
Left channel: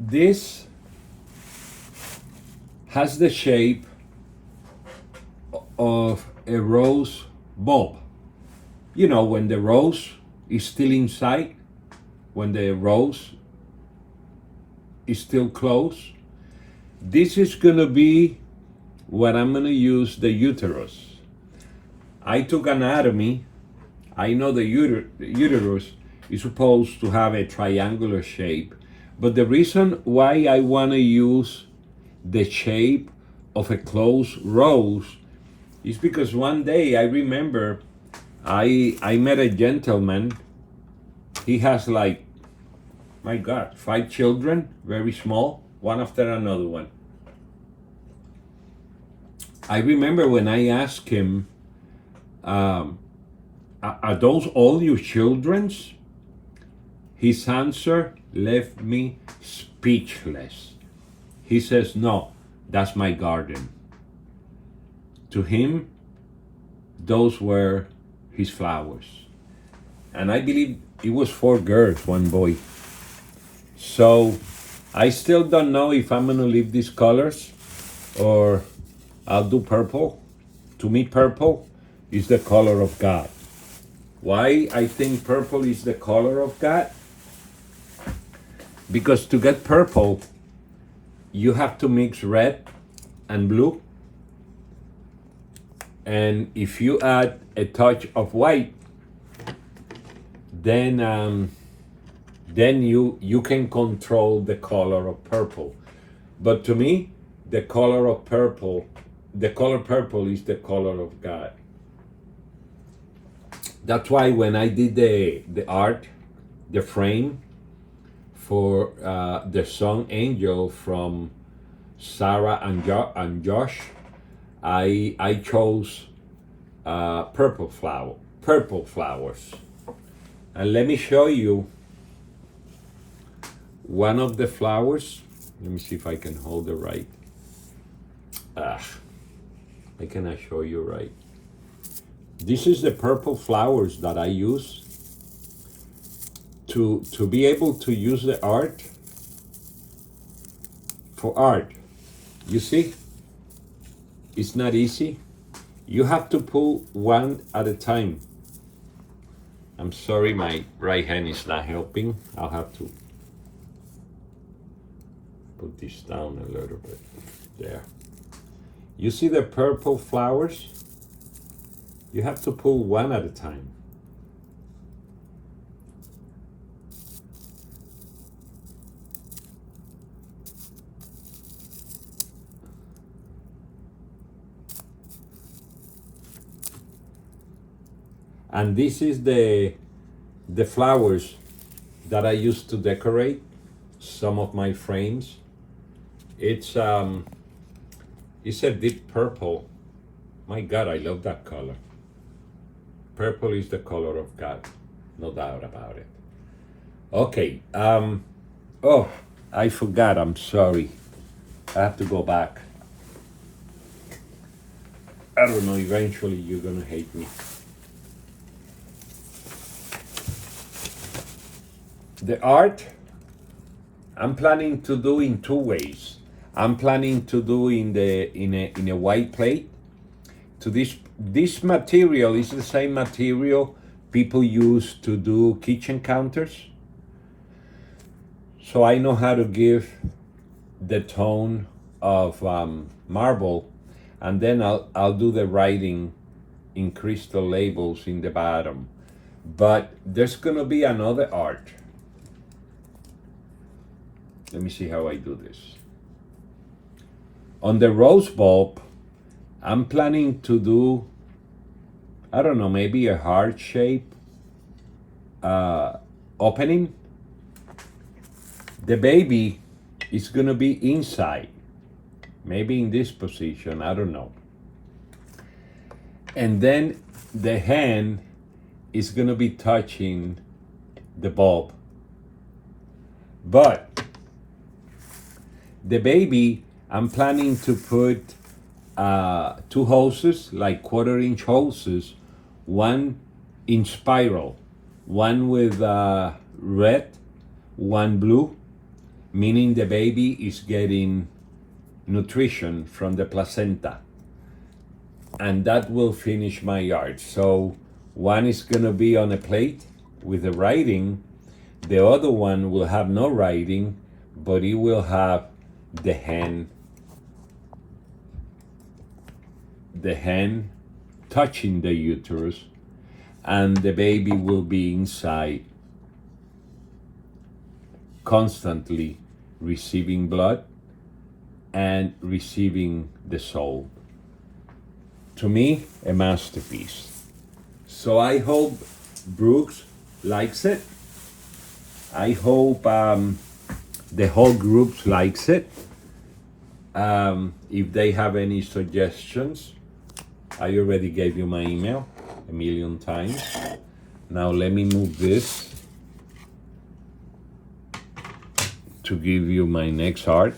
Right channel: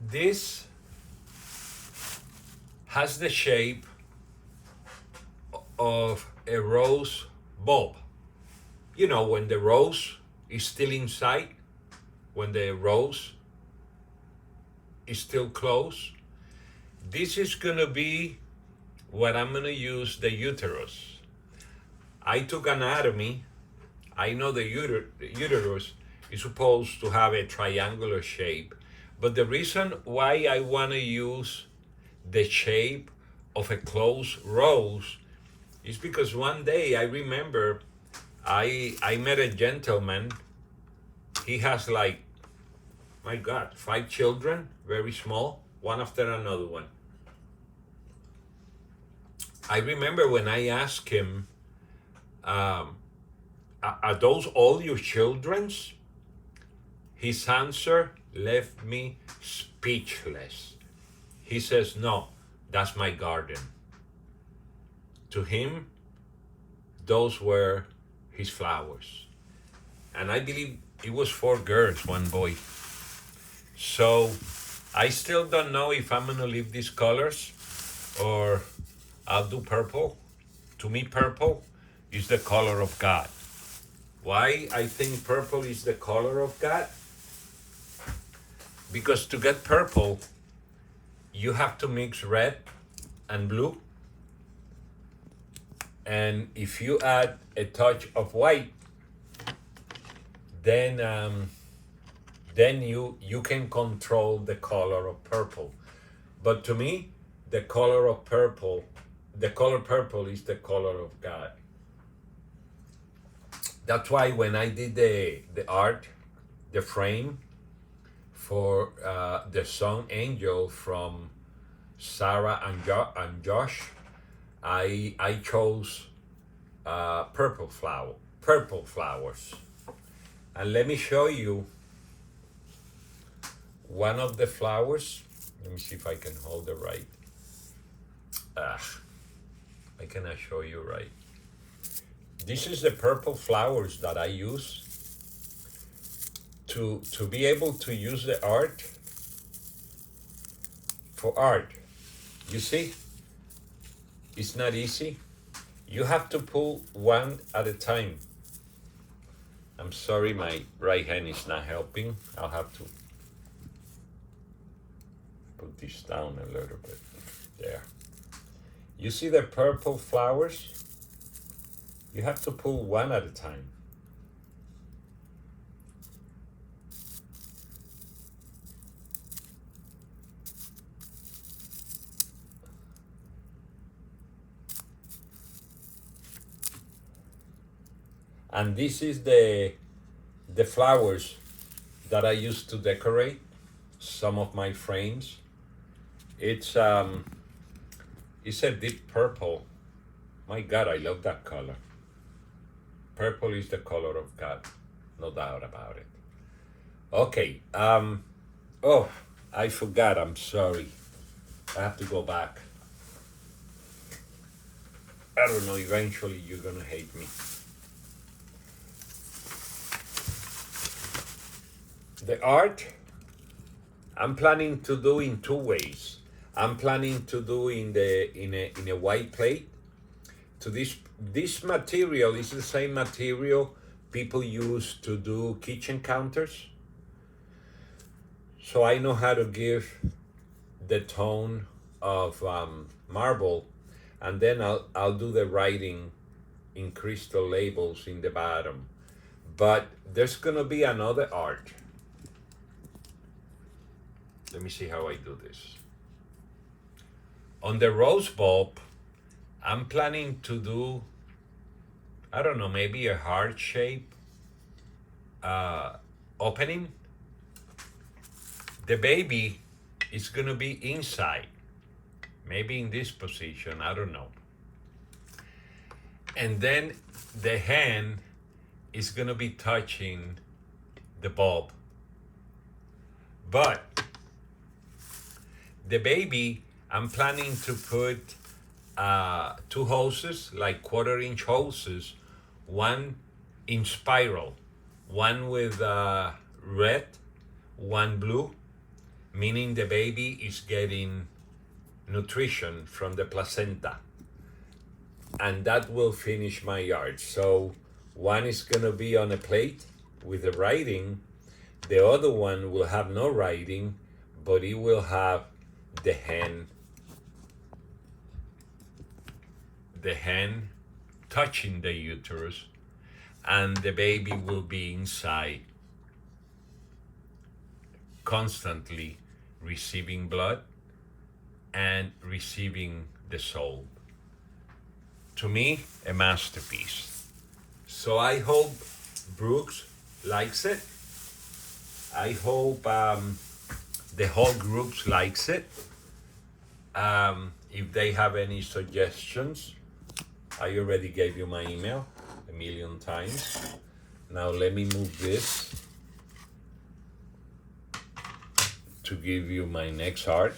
This has the shape of a rose bulb. You know, when the rose is still inside, when the rose is still closed. This is gonna be what I'm gonna use, the uterus. I took anatomy. I know the uterus is supposed to have a triangular shape, but the reason why I wanna use the shape of a closed rose is because one day I remember I met a gentleman. He has like My God, 5 children, very small, one after another one. I remember when I asked him, are those all your children's? His answer left me speechless. He says, no, that's my garden. To him, those were his flowers. And I believe it was 4 girls, 1 boy. So I still don't know if I'm gonna leave these colors or I'll do purple. To me, purple is the color of God. Why I think purple is the color of God? Because to get purple, you have to mix red and blue. And if you add a touch of white, then you can control the color of purple. But to me, the color purple is the color of God. That's why when I did the art, the frame for the song Angel from Sarah and Josh, I chose purple flowers. And let me show you one of the flowers. Let me see if I can hold it right. I cannot show you right. This is the purple flowers that I use to be able to use the art for art. You see, it's not easy. You have to pull one at a time. I'm sorry, my right hand is not helping. I'll have to put this down a little bit. There. You see the purple flowers? You have to pull one at a time. And this is the flowers that I used to decorate some of my frames. It's a deep purple. My God, I love that color. Purple is the color of God, no doubt about it. Okay, oh, I forgot, I'm sorry. I have to go back. I don't know, eventually you're gonna hate me. The art, I'm planning to do in 2 ways. I'm planning to do in a white plate. To this material is the same material people use to do kitchen counters. So I know how to give the tone of marble, and then I'll do the writing in crystal labels in the bottom. But there's gonna be another art. Let me see how I do this. On the rose bulb, I'm planning to do, I don't know, maybe a heart shape opening. The baby is gonna be inside, maybe in this position, I don't know. And then the hand is gonna be touching the bulb. But the baby, I'm planning to put 2 hoses, like 1/4-inch hoses, one in spiral, one with red, one blue, meaning the baby is getting nutrition from the placenta. And that will finish my art. So one is gonna be on a plate with the writing, the other one will have no writing, but it will have the hand touching the uterus, and the baby will be inside, constantly receiving blood and receiving the soul. To me, a masterpiece. So I hope Brooks likes it. I hope the whole group likes it. If they have any suggestions, I already gave you my email 1,000,000 times. Now let me move this to give you my next art.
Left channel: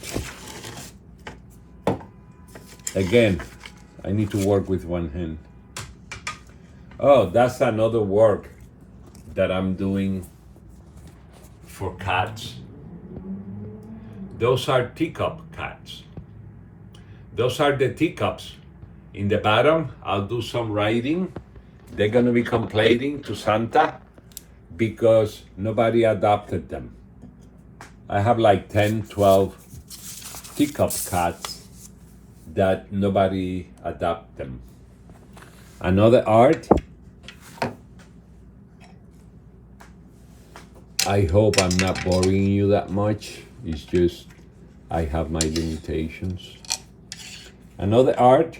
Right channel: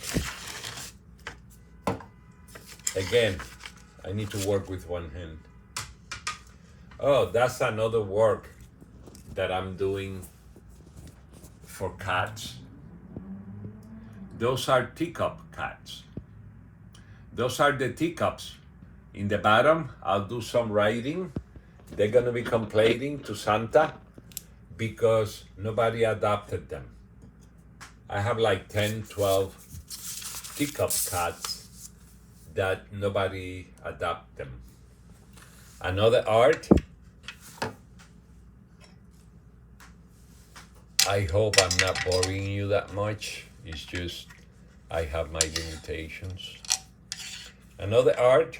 Again, I need to work with one hand. Oh, that's another work that I'm doing for cats. Those are teacup cats. Those are the teacups. In the bottom, I'll do some writing. They're gonna be complaining to Santa because nobody adopted them. I have like 10, 12 teacup cats that nobody adopt them. Another art. I hope I'm not boring you that much. It's just I have my limitations. Another art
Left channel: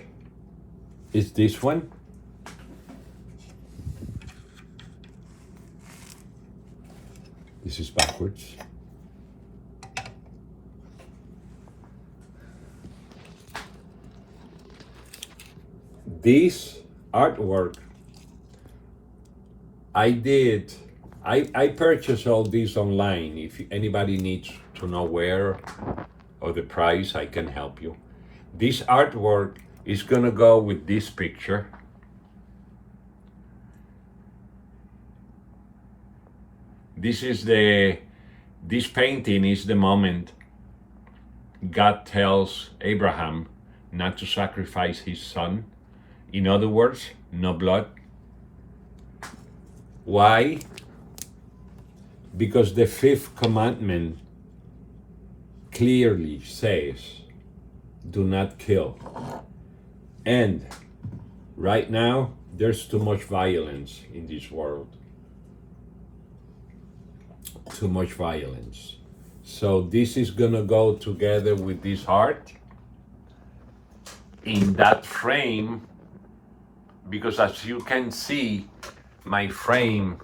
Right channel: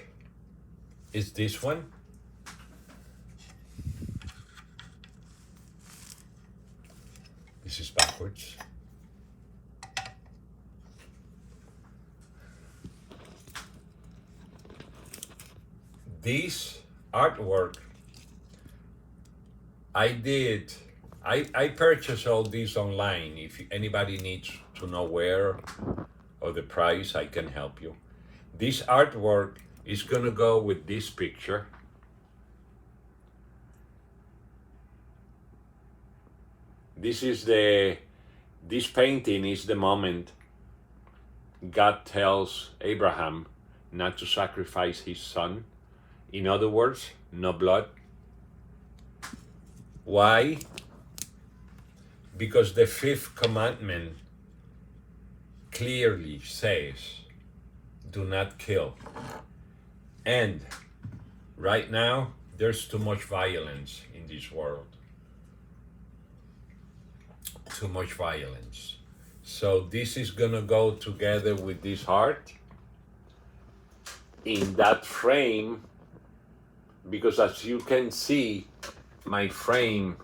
is this one. This is backwards. This artwork I purchased all these online. If anybody needs to know where or the price, I can help you. This artwork is gonna go with this picture. This painting is the moment God tells Abraham not to sacrifice his son. In other words, no blood. Why? Because the fifth commandment clearly says, do not kill. And right now, there's too much violence in this world. Too much violence. So this is gonna go together with this heart in that frame, because as you can see, my frame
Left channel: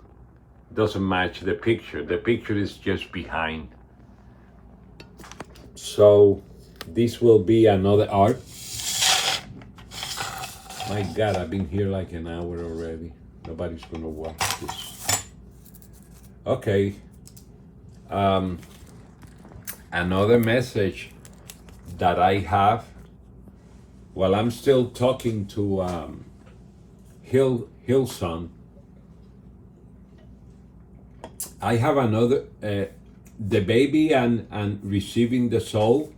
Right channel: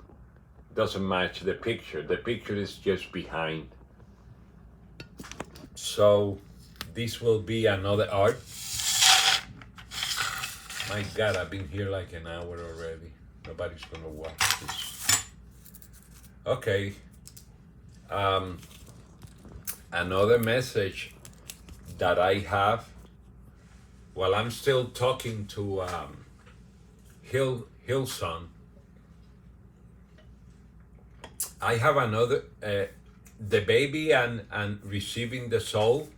doesn't match the picture. The picture is just behind. So this will be another art. My God, I've been here like an hour already. Nobody's gonna watch this. Okay. Another message that I have while I'm still talking to Hillson. I have another, the baby and receiving the soul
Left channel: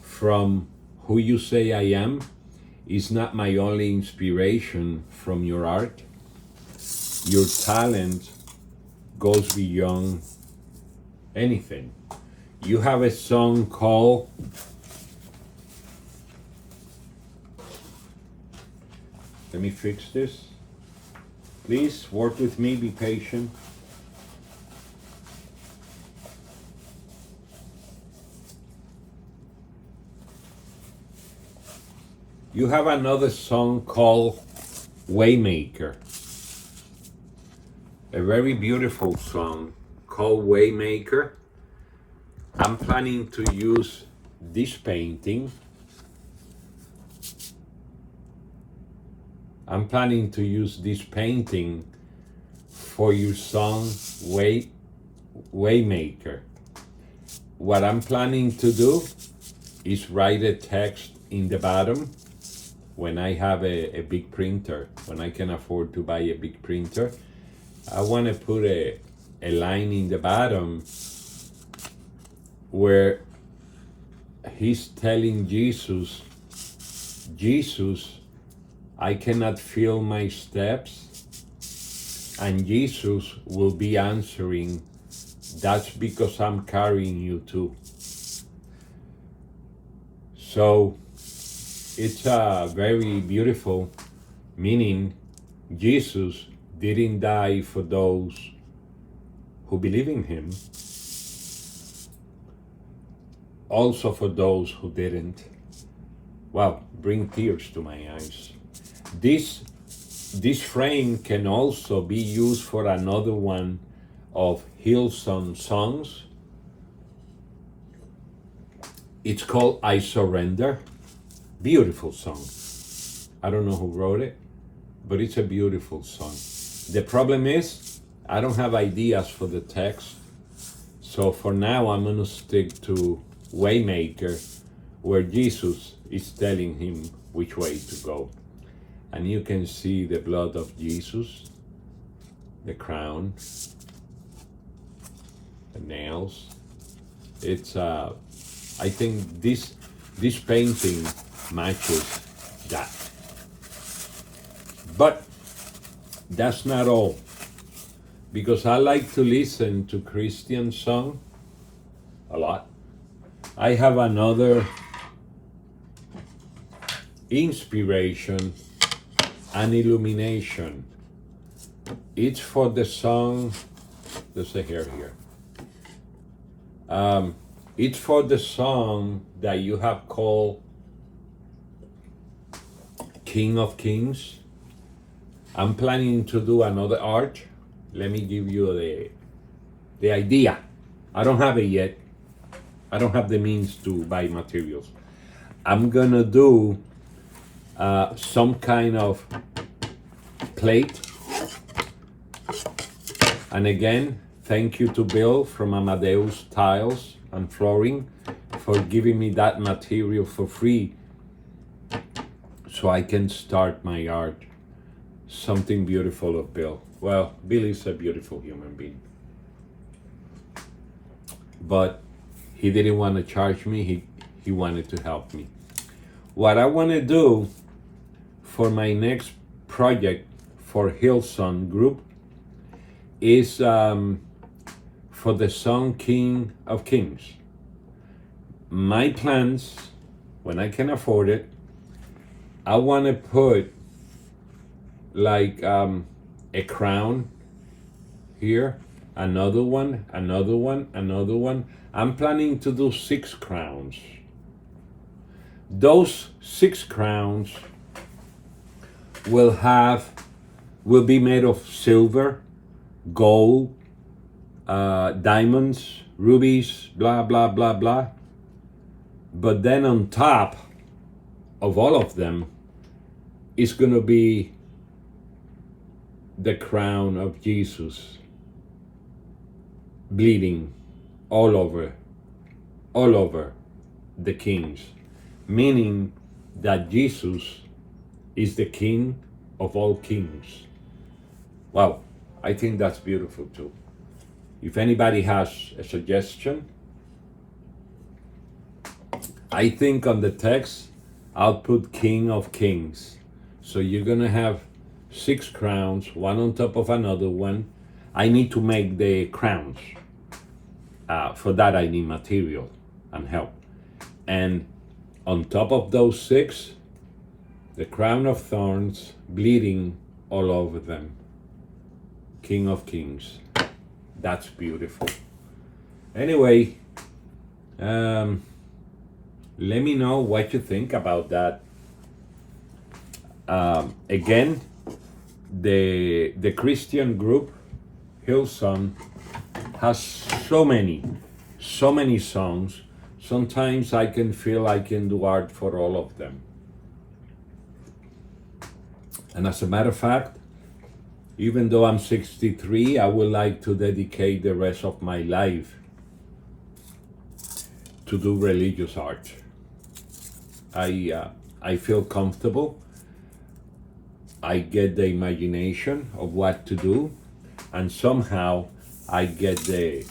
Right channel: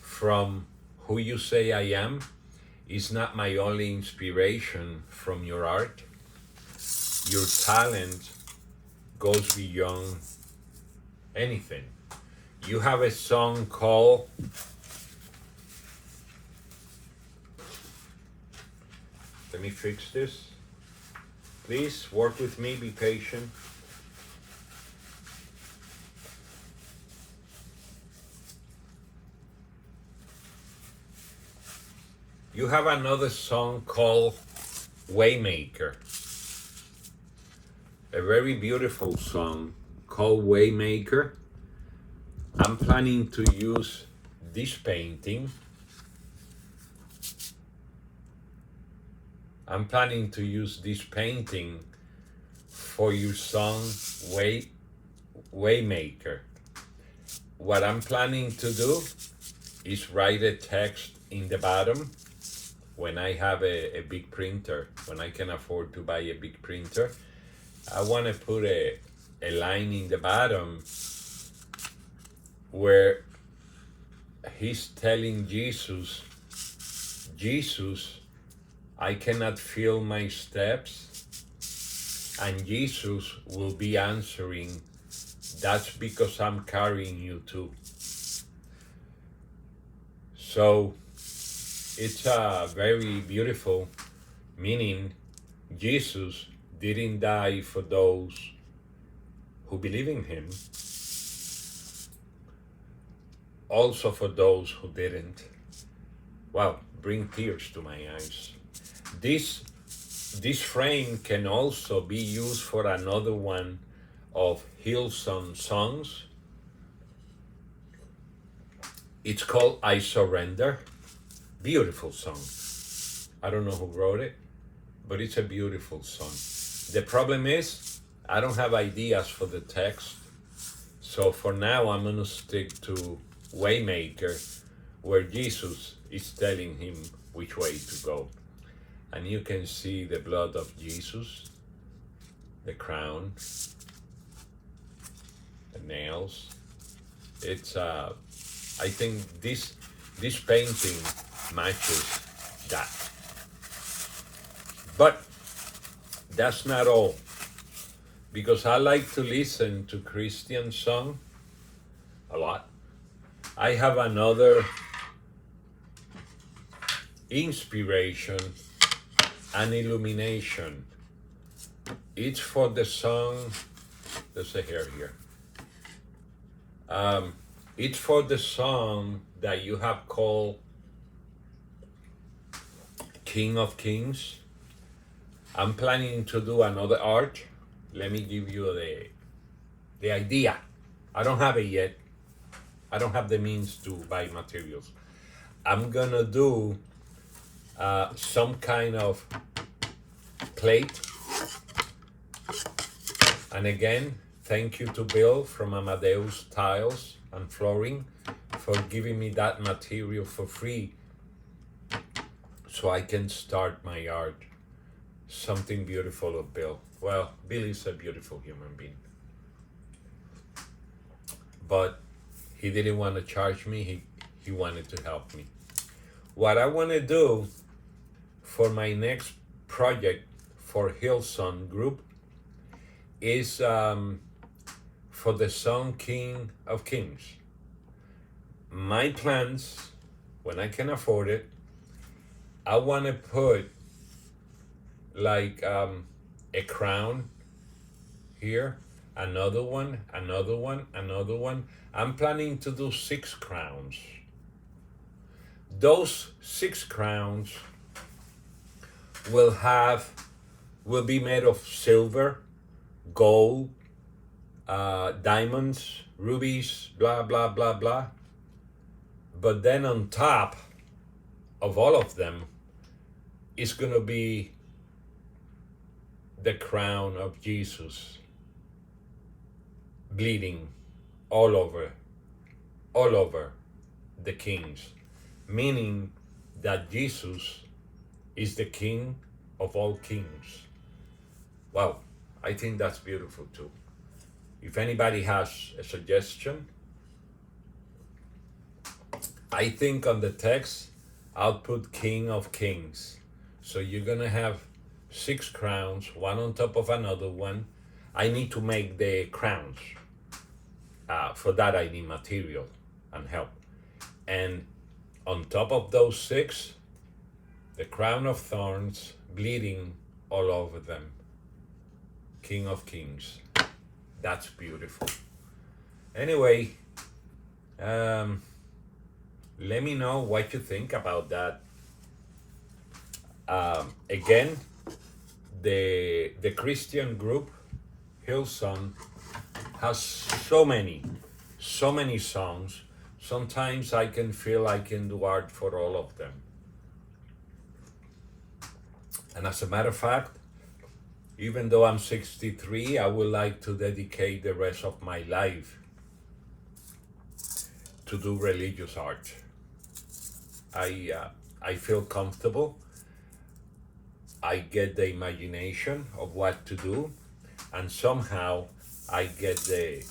from who you say I am is not my only inspiration from your art. Your talent goes beyond anything. You have a song called let me fix this. Please work with me, be patient. You have another song called Waymaker. A very beautiful song called Waymaker. I'm planning to use this painting. I'm planning to use this painting for your song Waymaker. What I'm planning to do is write a text in the bottom when I have a big printer, when I can afford to buy a big printer. I want to put a line in the bottom where he's telling Jesus, I cannot feel my steps, and Jesus will be answering, that's because I'm carrying you too. So it's a very beautiful meaning. Jesus didn't die for those who believe in him, also for those who didn't. Wow, bring tears to my eyes. This frame can also be used for another one of Hillson songs. It's called I Surrender. Beautiful song. I don't know who wrote it, but it's a beautiful song. The problem is, I don't have ideas for the text. So for now, I'm going to stick to Waymaker, where Jesus is telling him which way to go. And you can see the blood of Jesus, the crown, the nails. It's I think this painting matches that. But that's not all, because I like to listen to Christian song a lot. I have another inspiration and illumination. It's for the song, there's a hair here. It's for the song that you have called King of Kings. I'm planning to do another art. Let me give you the idea. I don't have it yet. I don't have the means to buy materials. I'm gonna do some kind of plate. And again, thank you to Bill from Amadeus Tiles and Flooring for giving me that material for free so I can start my art. Something beautiful of Bill. Well, Bill is a beautiful human being. But he didn't want to charge me, he wanted to help me. What I want to do for my next project for Hillson Group is for the song King of Kings. My plans, when I can afford it, I want to put like a crown here, another one, another one, another one. I'm planning to do 6 crowns. Those 6 crowns will be made of silver, gold, diamonds, rubies, blah, blah, blah, blah. But then on top of all of them is going to be the crown of Jesus, bleeding all over the kings, meaning that Jesus is the King of all kings. Wow, I think that's beautiful too. If anybody has a suggestion, I think on the text, I'll put King of Kings. So you're gonna have 6 crowns, one on top of another one. I need to make the crowns. For that I need material and help. And on top of those 6, the crown of thorns, bleeding all over them. King of Kings. That's beautiful. Anyway, let me know what you think about that. Again, the Christian group Hillson has so many songs. Sometimes I can feel I can do art for all of them. And as a matter of fact, even though I'm 63, I would like to dedicate the rest of my life to do religious art. I feel comfortable. I get the imagination of what to do, and somehow I get the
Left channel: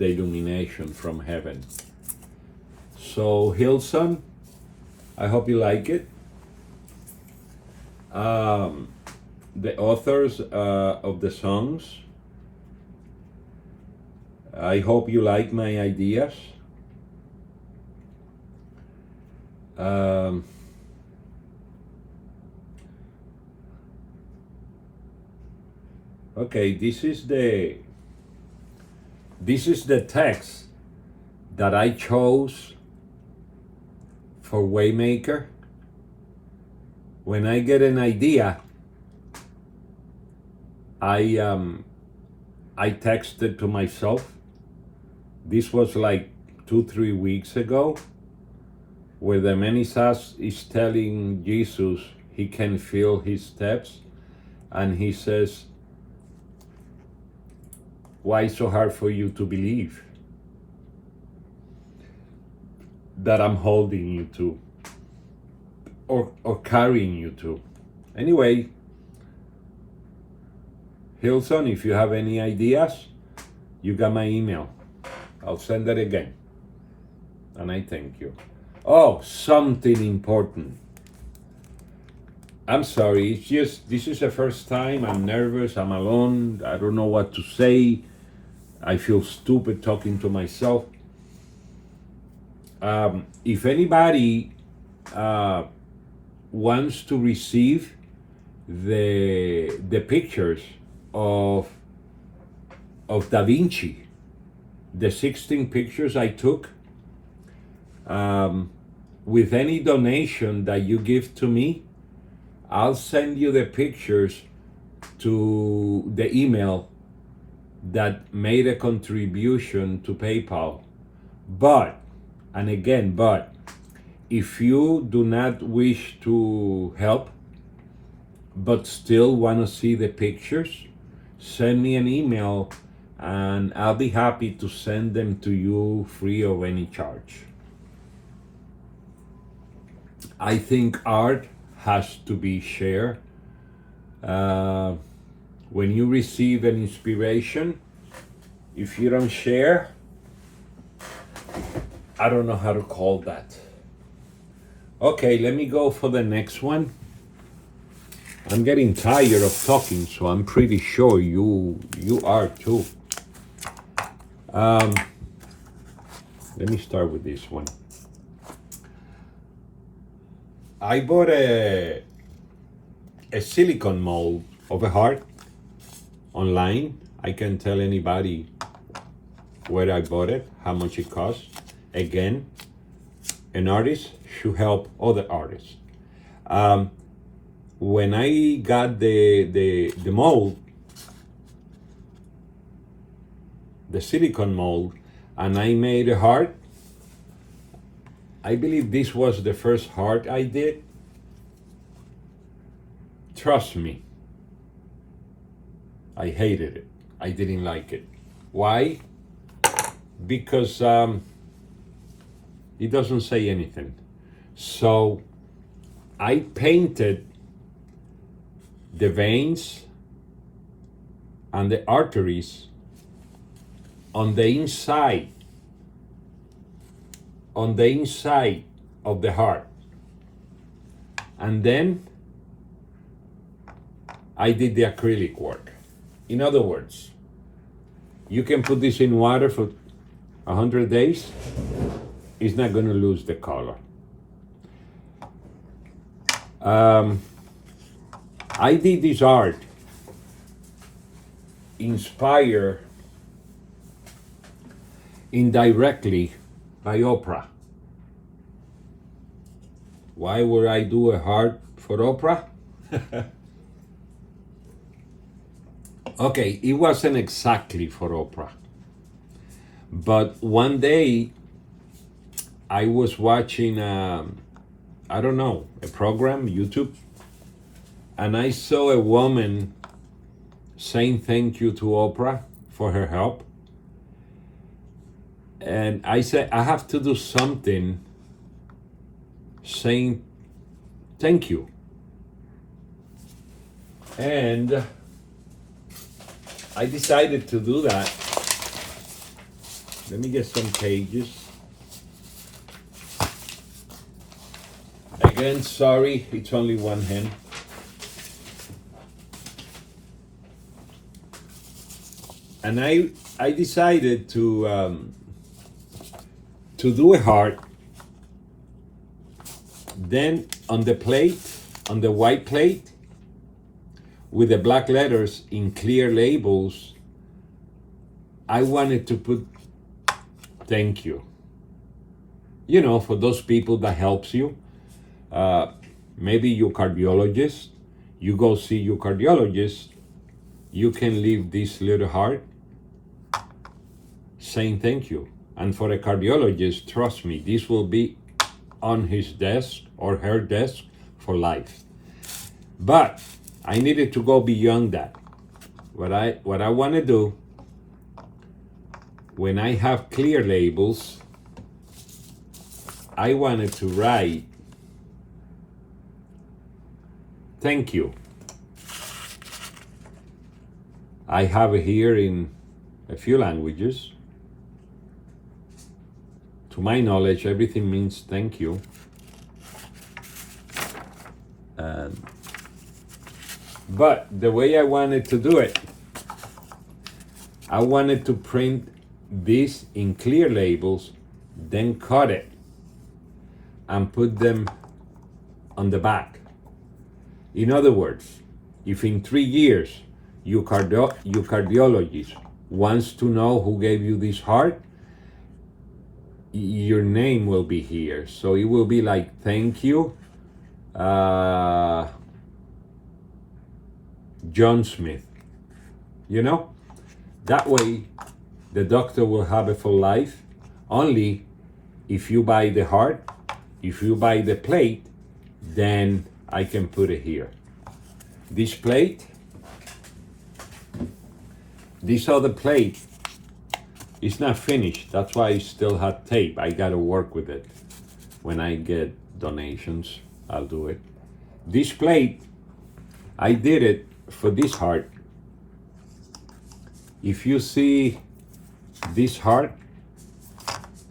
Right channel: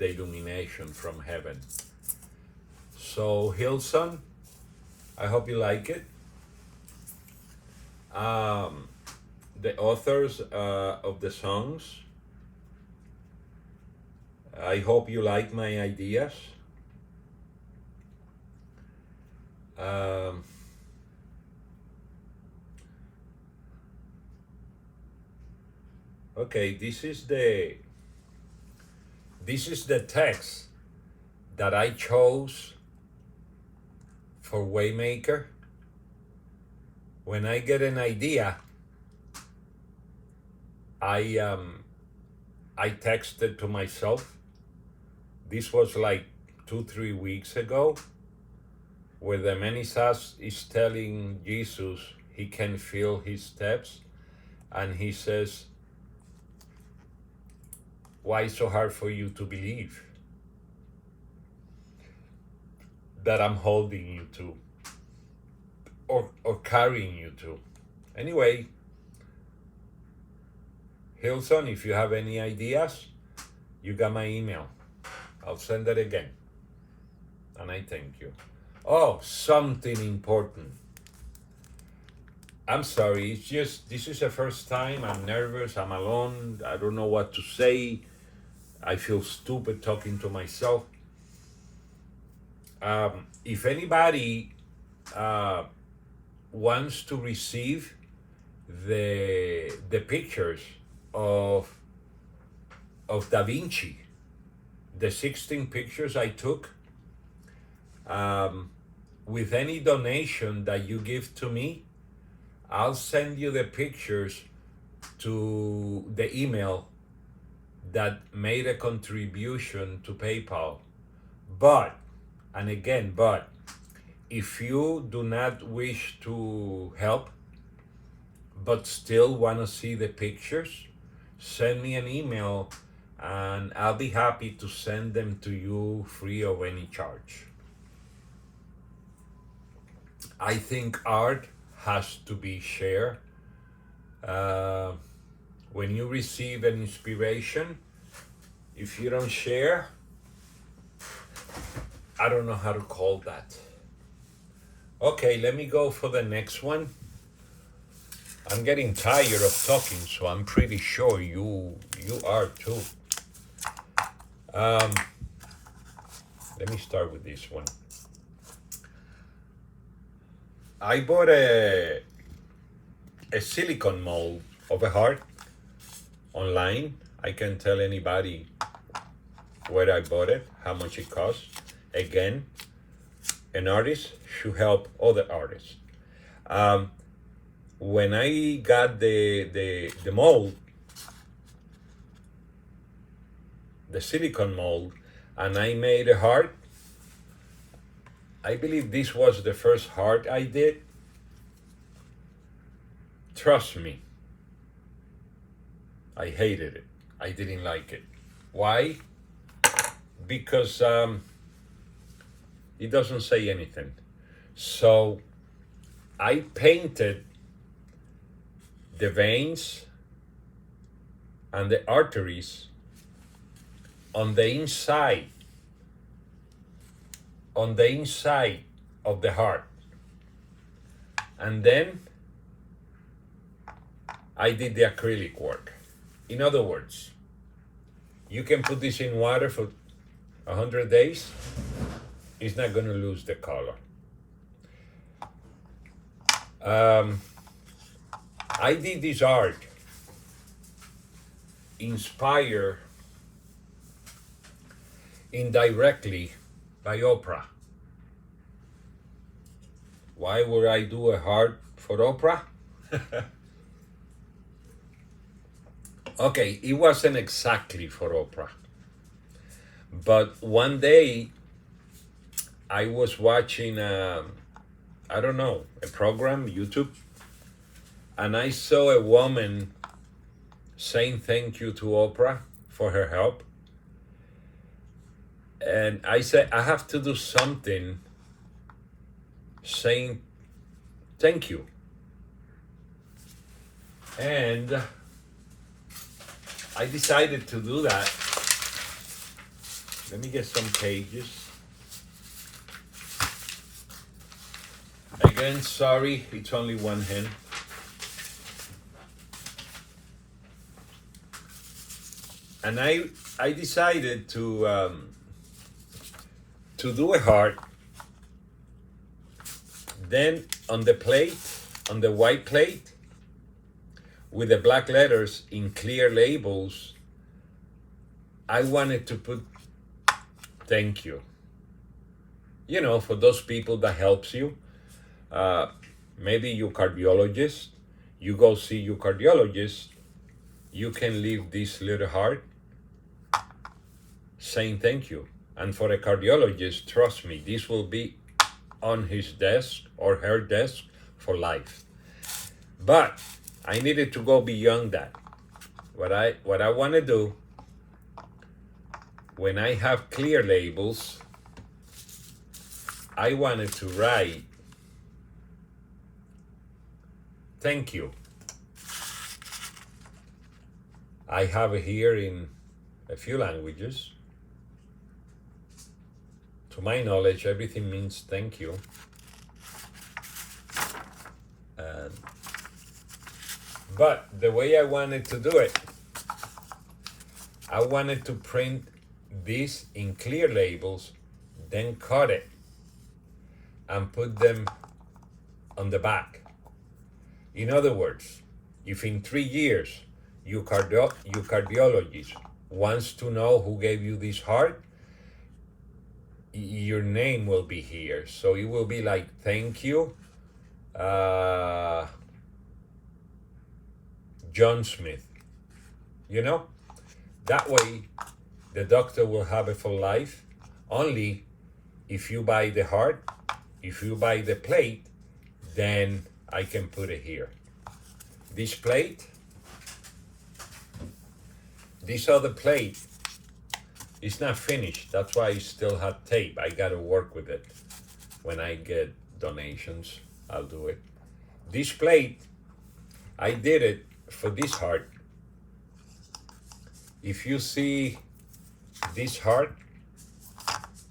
illumination from heaven. So Hillson, I hope you like it. The authors of the songs, I hope you like my ideas. Okay, this is the text that I chose for Waymaker. When I get an idea, I I texted to myself. This was like 2, 3 weeks ago, where the man is telling Jesus he can feel his steps, and he says, why so hard for you to believe that I'm holding you to, or carrying you to? Anyway, Hillson, if you have any ideas, you got my email. I'll send it again. And I thank you. Oh, something important. I'm sorry, it's just, this is the first time. I'm nervous, I'm alone, I don't know what to say. I feel stupid talking to myself. If anybody wants to receive the pictures of Da Vinci, the 16 pictures I took, with any donation that you give to me, I'll send you the pictures to the email that made a contribution to PayPal. But, and again, but, if you do not wish to help, but still want to see the pictures, send me an email and I'll be happy to send them to you free of any charge. I think art has to be shared. When you receive an inspiration, if you don't share, I don't know how to call that. Okay, let me go for the next one. I'm getting tired of talking, so I'm pretty sure you are too. Let me start with this one. I bought a silicone mold of a heart online. I can tell anybody where I bought it, how much it costs. Again, an artist should help other artists. When I got the mold, the silicone mold, and I made a heart, I believe this was the first heart I did. Trust me, I hated it. I didn't like it. Why? Because it doesn't say anything. So I painted the veins and the arteries on the inside of the heart. And then I did the acrylic work. In other words, you can put this in water for 100 days, it's not going to lose the color. I did this art inspired indirectly by Oprah. Why would I do a heart for Oprah? Okay, it wasn't exactly for Oprah. But one day I was watching, a program, YouTube, and I saw a woman saying thank you to Oprah for her help. And I said, I have to do something saying thank you. And I decided to do that. Let me get some pages. Again, sorry, it's only one hand. And I decided to do a heart. Then on the plate, on the white plate, with the black letters in clear labels, I wanted to put thank you. You know, for those people that helps you. Maybe your cardiologist, you go see your cardiologist, you can leave this little heart saying thank you. And for a cardiologist, trust me, this will be on his desk or her desk for life. But I needed to go beyond that. What I want to do when I have clear labels, I wanted to write thank you. I have it here in a few languages. To my knowledge, everything means thank you. But the way I wanted to do it, I wanted to print this in clear labels, then cut it and put them on the back. In other words, if in 3 years your cardiologist wants to know who gave you this heart, your name will be here. So it will be like, thank you, John Smith. You know? That way, the doctor will have it for life. Only if you buy the heart, if you buy the plate, then I can put it here. This plate, this other plate is not finished. That's why I still have tape. I gotta work with it. When I get donations, I'll do it. This plate, I did it for this heart. If you see this heart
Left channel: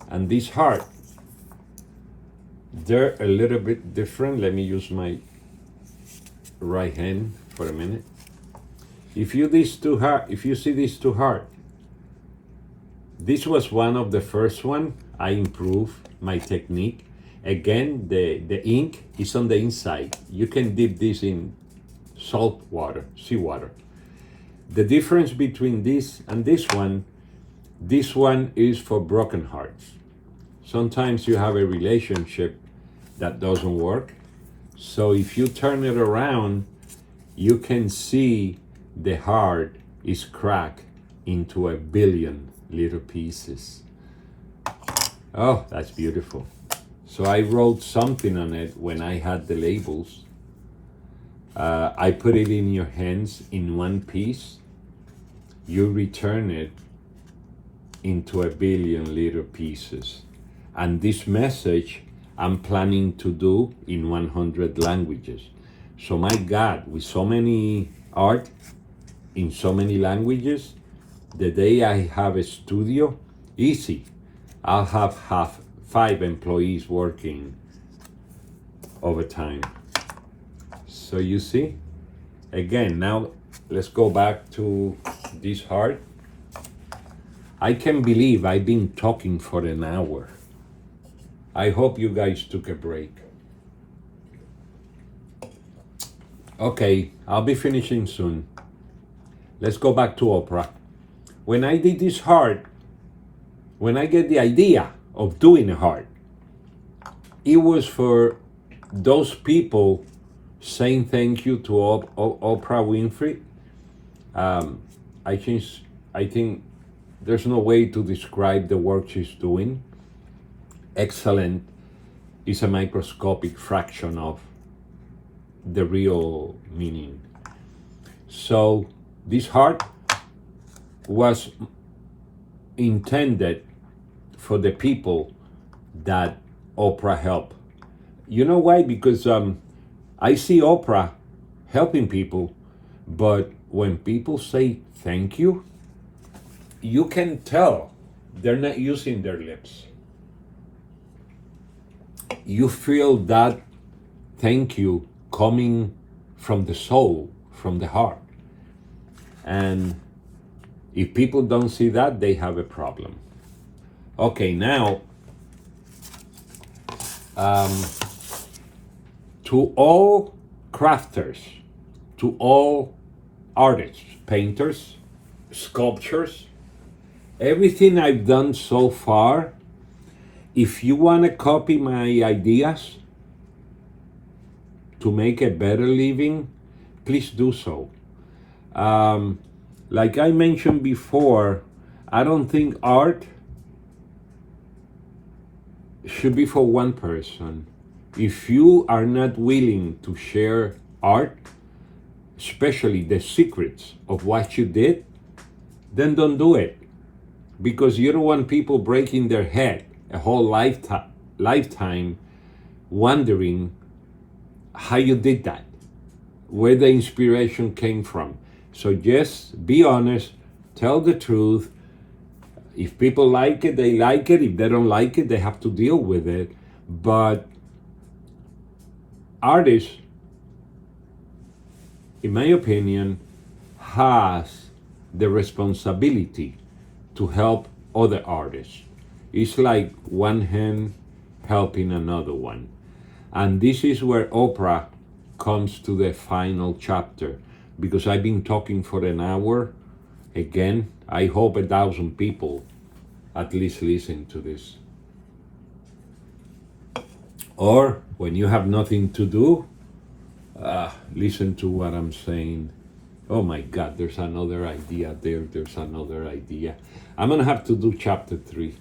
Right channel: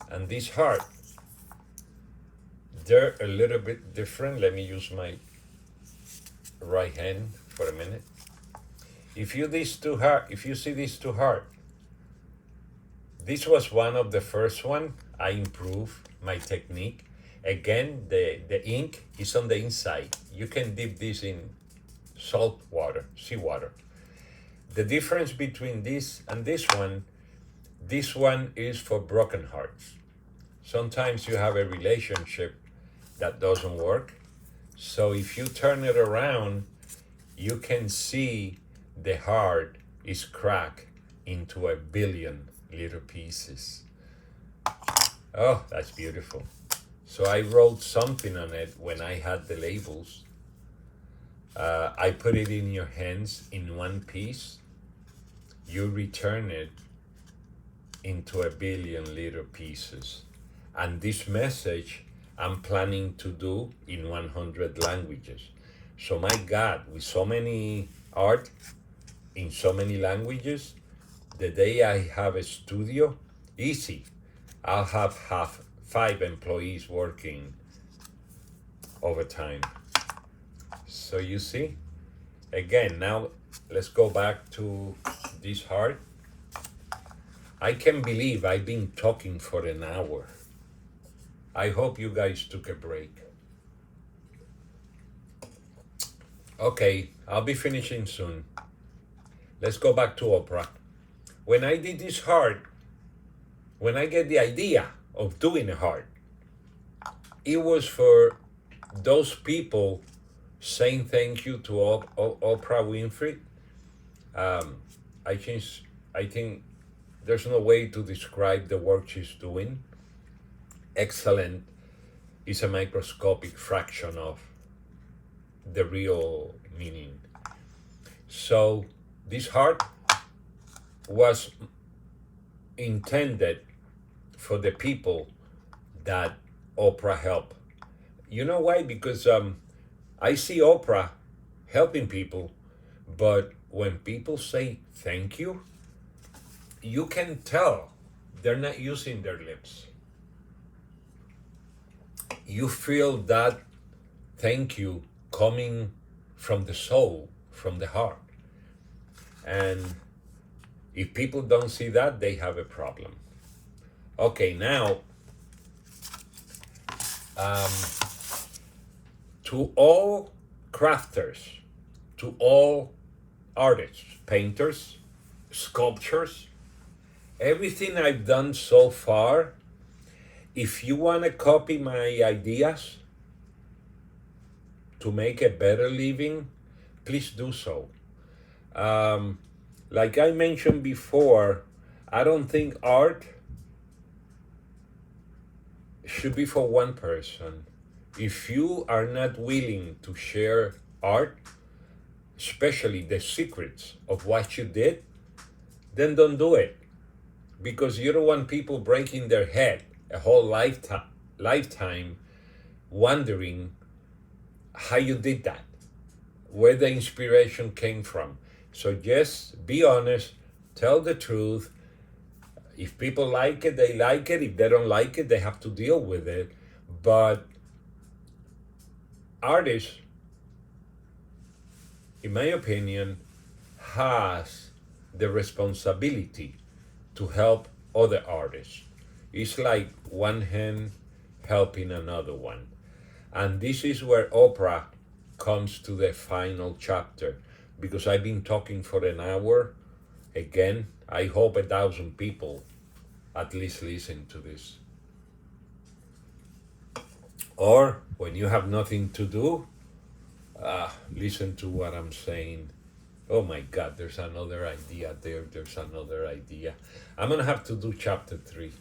and this heart, they're a little bit different. Let me use my right hand for a minute. If you see these two heart, this was one of the first one. I improved my technique. Again, the ink is on the inside. You can dip this in salt water, seawater. The difference between this and this one is for broken hearts. Sometimes you have a relationship that doesn't work. So if you turn it around, you can see the heart is cracked into 1 billion little pieces. Oh, that's beautiful. So I wrote something on it when I had the labels. I put it in your hands in one piece. You return it into 1 billion little pieces. And this message I'm planning to do in 100 languages. So my God, with so many art in so many languages, the day I have a studio, easy. I'll have 5 employees working overtime. So you see, again, now let's go back to this heart. I can't believe I've been talking for an hour. I hope you guys took a break. Okay, I'll be finishing soon. Let's go back to Oprah. When I did this heart, when I get the idea of doing a heart, it was for those people saying thank you to Oprah Winfrey. I think there's no way to describe the work she's doing. Excellent is a microscopic fraction of the real meaning. So this heart was intended for the people that Oprah helped. You know why? Because I see Oprah helping people, but when people say thank you, you can tell they're not using their lips. You feel that thank you coming from the soul, from the heart. And if people don't see that, they have a problem. Okay, now, to all crafters, to all artists, painters, sculptures, everything I've done so far, if you want to copy my ideas to make a better living, please do so. Like I mentioned before, I don't think art should be for one person. If you are not willing to share art, especially the secrets of what you did, then don't do it. Because you don't want people breaking their head a whole lifetime wondering how you did that, where the inspiration came from. So just be honest, tell the truth. If people like it, they like it. If they don't like it, they have to deal with it. But artists, in my opinion, has the responsibility to help other artists. It's like one hand helping another one. And this is where Oprah comes to the final chapter, because I've been talking for an hour. Again, I hope 1,000 people at least listen to this. Or when you have nothing to do, listen to what I'm saying. Oh my God, there's another idea there. There's another idea. I'm gonna have to do chapter 3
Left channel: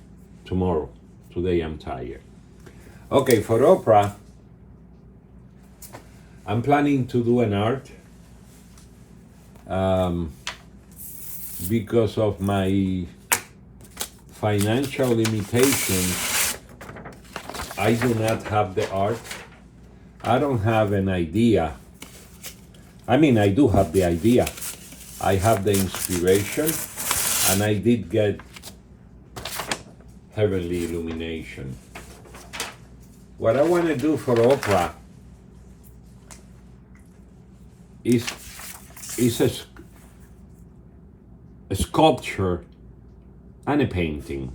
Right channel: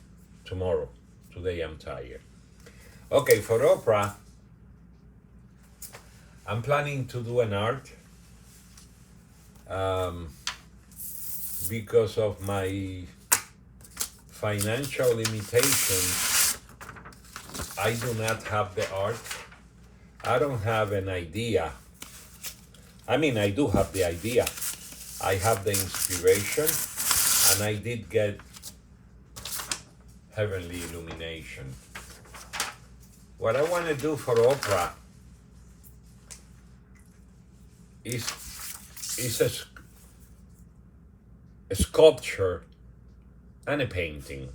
tomorrow. Today I'm tired. Okay, for Oprah, I'm planning to do an art because of my financial limitations. I do not have the art. I don't have an idea. I mean, I do have the idea. I have the inspiration, and I did get heavenly illumination. What I want to do for Oprah is a sculpture and a painting.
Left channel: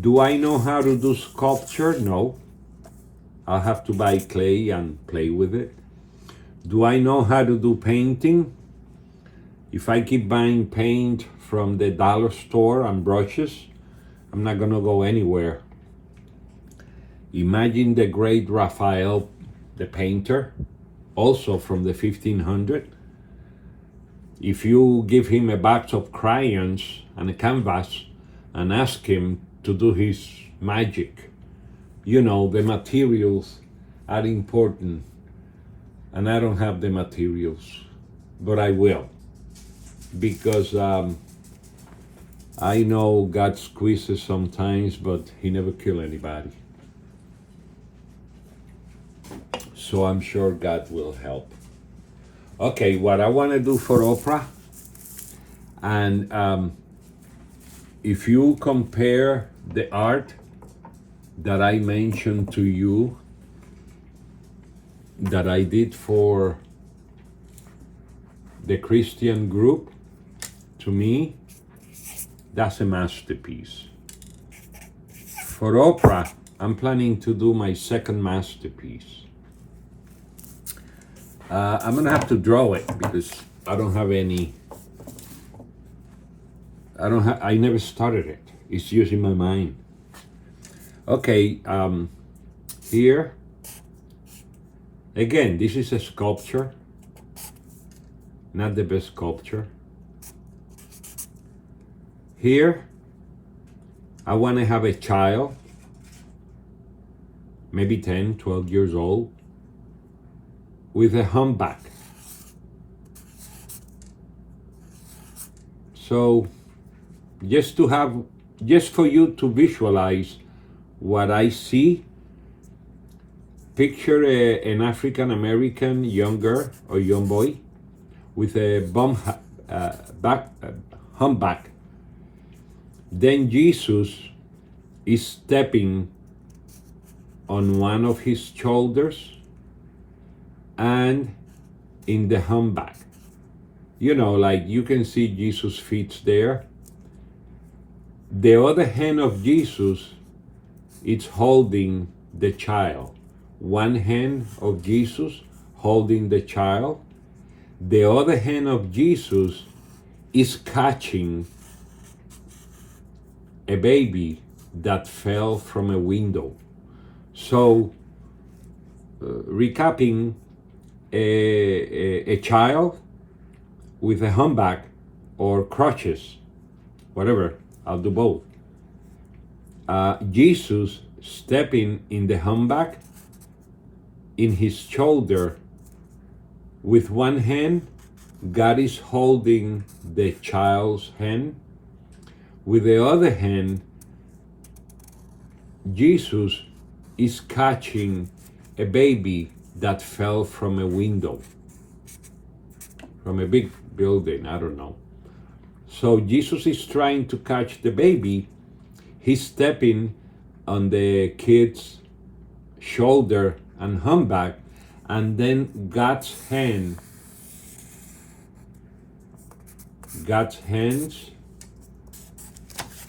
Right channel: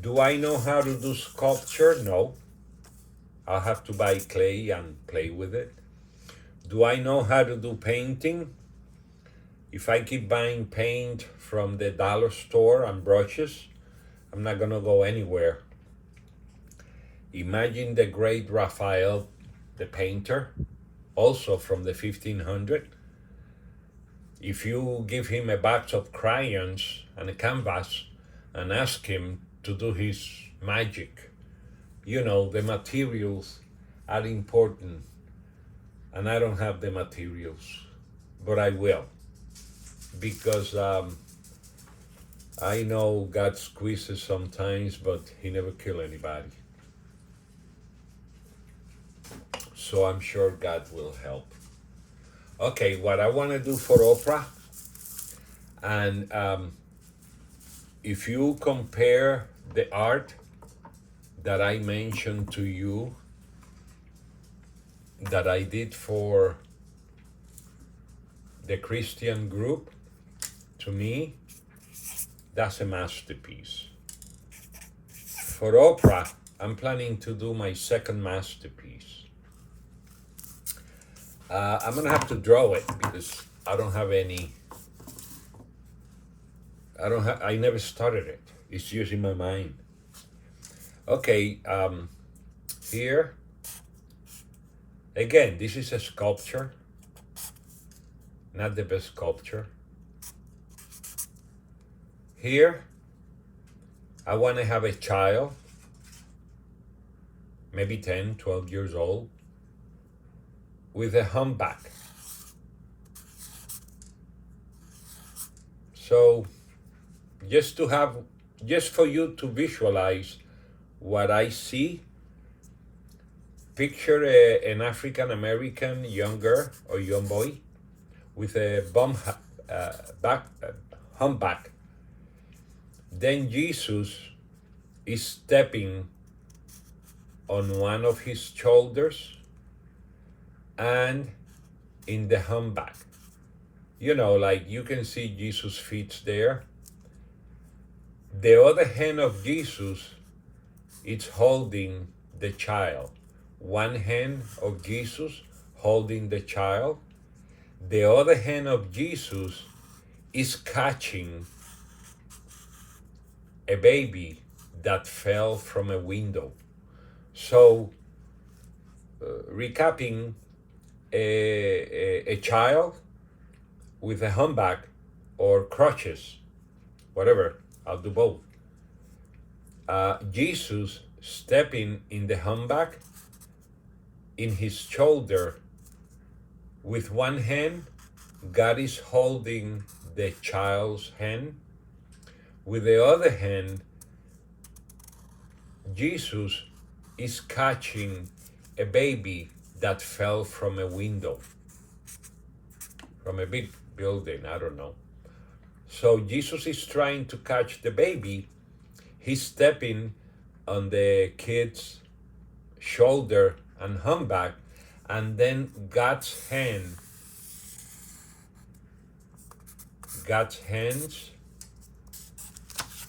Do I know how to do sculpture? No. I'll have to buy clay and play with it. Do I know how to do painting? If I keep buying paint from the dollar store and brushes, I'm not gonna go anywhere. Imagine the great Raphael, the painter, also from the 1500s. If you give him a box of crayons and a canvas and ask him to do his magic, you know, the materials are important, and I don't have the materials, but I will, because I know God squeezes sometimes, but he never kills anybody. So I'm sure God will help. Okay, what I want to do for Oprah, and if you compare the art that I mentioned to you, that I did for the Christian group, to me, that's a masterpiece. For Oprah, I'm planning to do my second masterpiece. I'm gonna have to draw it because I don't have any. I never started it. It's just in my mind. Okay, here. Again, this is a sculpture, not the best sculpture. Here, I want to have a child, maybe 10, 12 years old, with a humpback. So, just for you to visualize what I see, picture an African American young girl or young boy with a humpback. Then Jesus is stepping on one of his shoulders and in the humpback. You know, like you can see Jesus' feet there. The other hand of Jesus is holding the child. One hand of Jesus holding the child. The other hand of Jesus is catching a baby that fell from a window. So, recapping, a child with a humpback or crutches, whatever, I'll do both. Jesus stepping in the humpback, in his shoulder, with one hand, God is holding the child's hand. With the other hand, Jesus is catching a baby that fell from a window, from a big building, I don't know. So Jesus is trying to catch the baby. He's stepping on the kid's shoulder and humpback, and then God's hands,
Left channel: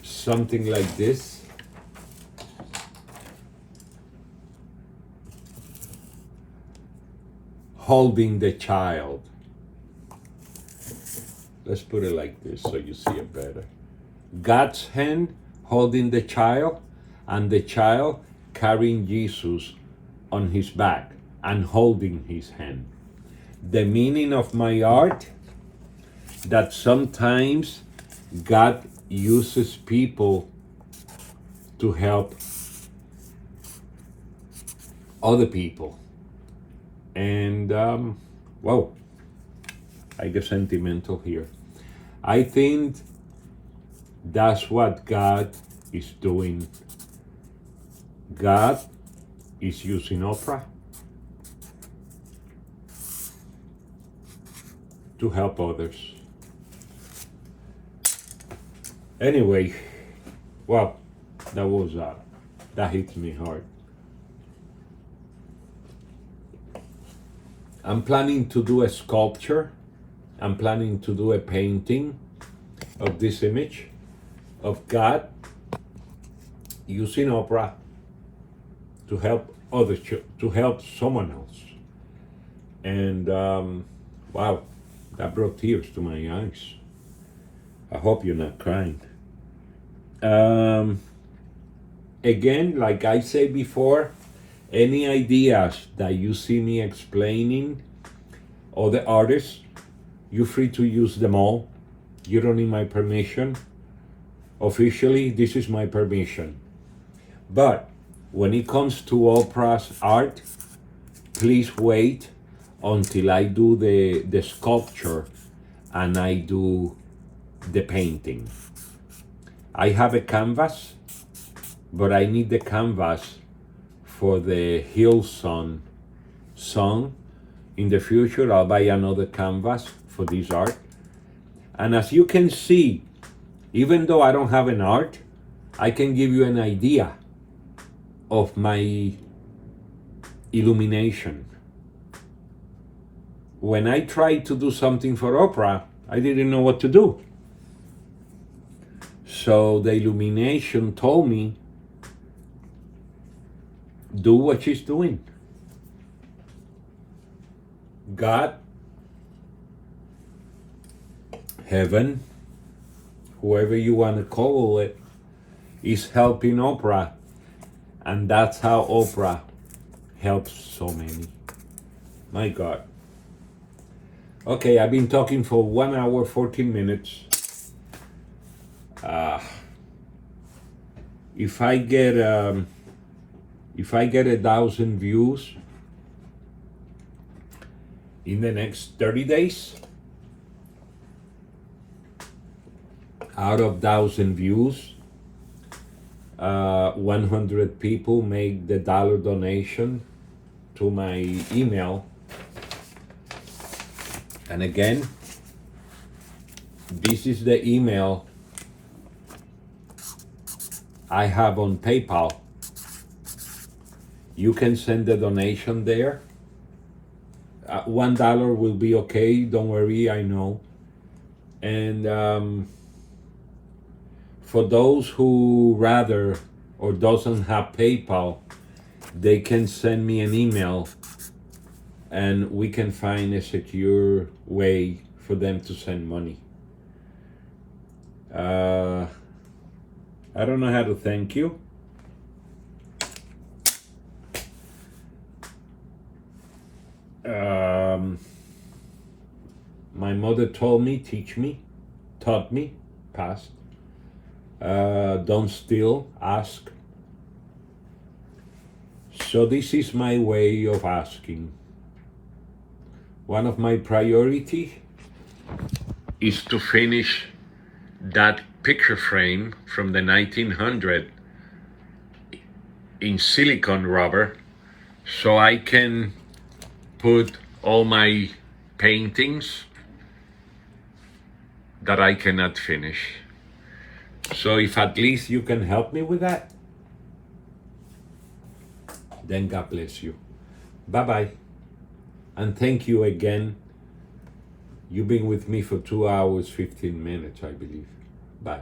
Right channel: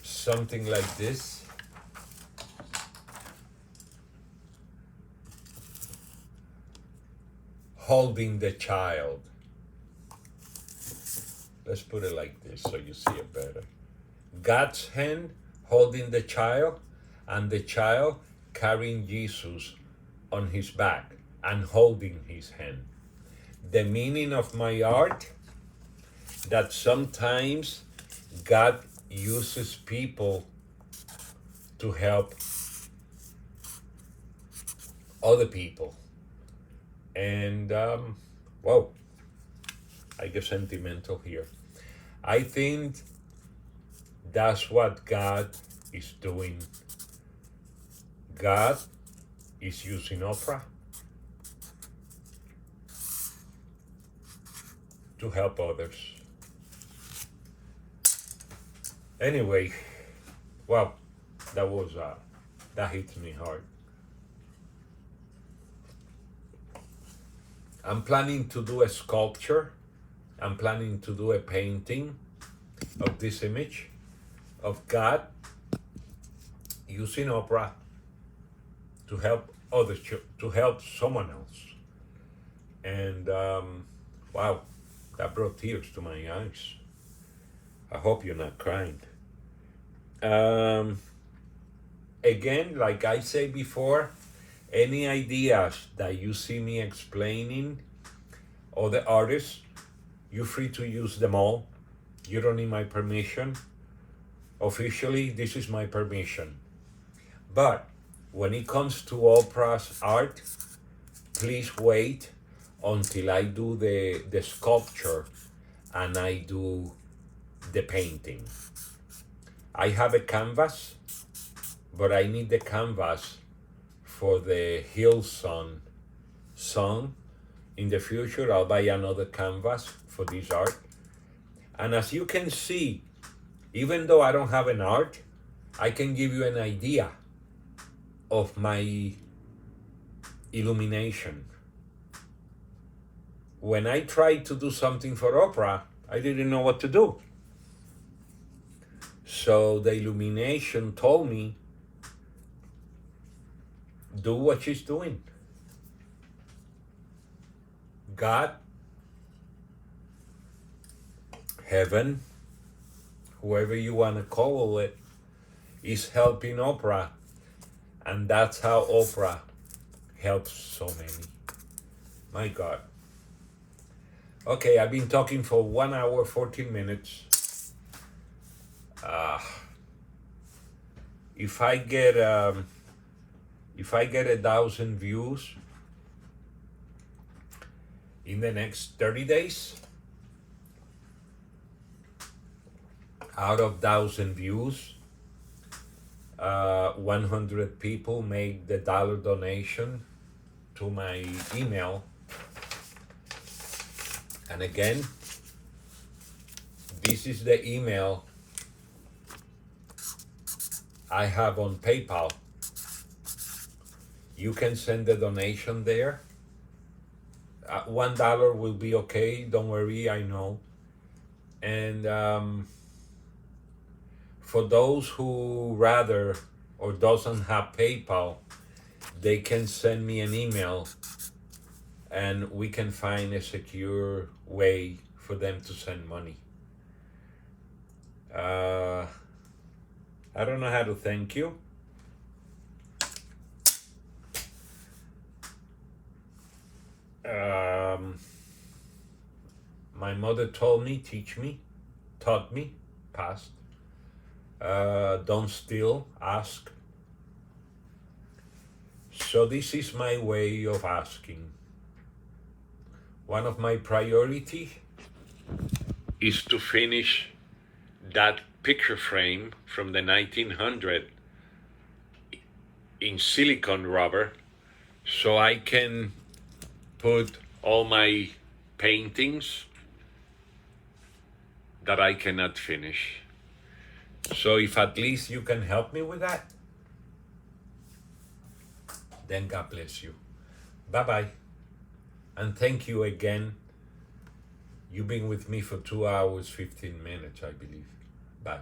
something like this, holding the child. Let's put it like this so you see it better. God's hand holding the child, and the child carrying Jesus on his back and holding his hand. The meaning of my art, that sometimes God uses people to help other people. And, whoa, I get sentimental here. I think that's what God is doing. God is using Oprah to help others. Anyway, well, that hits me hard. I'm planning to do a sculpture. I'm planning to do a painting of this image of God using Oprah to help others, to help someone else. And wow, that brought tears to my eyes. I hope you're not crying. Again, like I said before, any ideas that you see me explaining, other artists, you're free to use them all. You don't need my permission. Officially, this is my permission. But when it comes to Oprah's art, please wait until I do the sculpture and I do the painting. I have a canvas, but I need the canvas for the Hillson song. In the future, I'll buy another canvas for this art. And as you can see, even though I don't have an art, I can give you an idea of my illumination. When I tried to do something for Oprah, I didn't know what to do. So the illumination told me, do what she's doing. God, heaven, whoever you want to call it, is helping Oprah. And that's how Oprah helps so many. My God. Okay, I've been talking for 1 hour, 14 minutes. If I get 1,000 views in the next 30 days, out of 1,000 views, 100 people make the dollar donation to my email. And again, this is the email I have on PayPal. You can send the donation there. $1 will be okay, don't worry, I know. And for those who rather or doesn't have PayPal, they can send me an email and we can find a secure way for them to send money. I don't know how to thank you. My mother taught me, past, Don't steal, ask. So this is my way of asking. One of my priority is to finish that picture frame from the 1900 in silicone rubber, so I can put all my paintings that I cannot finish. So if at least you can help me with that, then God bless you. Bye-bye. And thank you again. You've been with me for 2 hours, 15 minutes, I believe. Bye.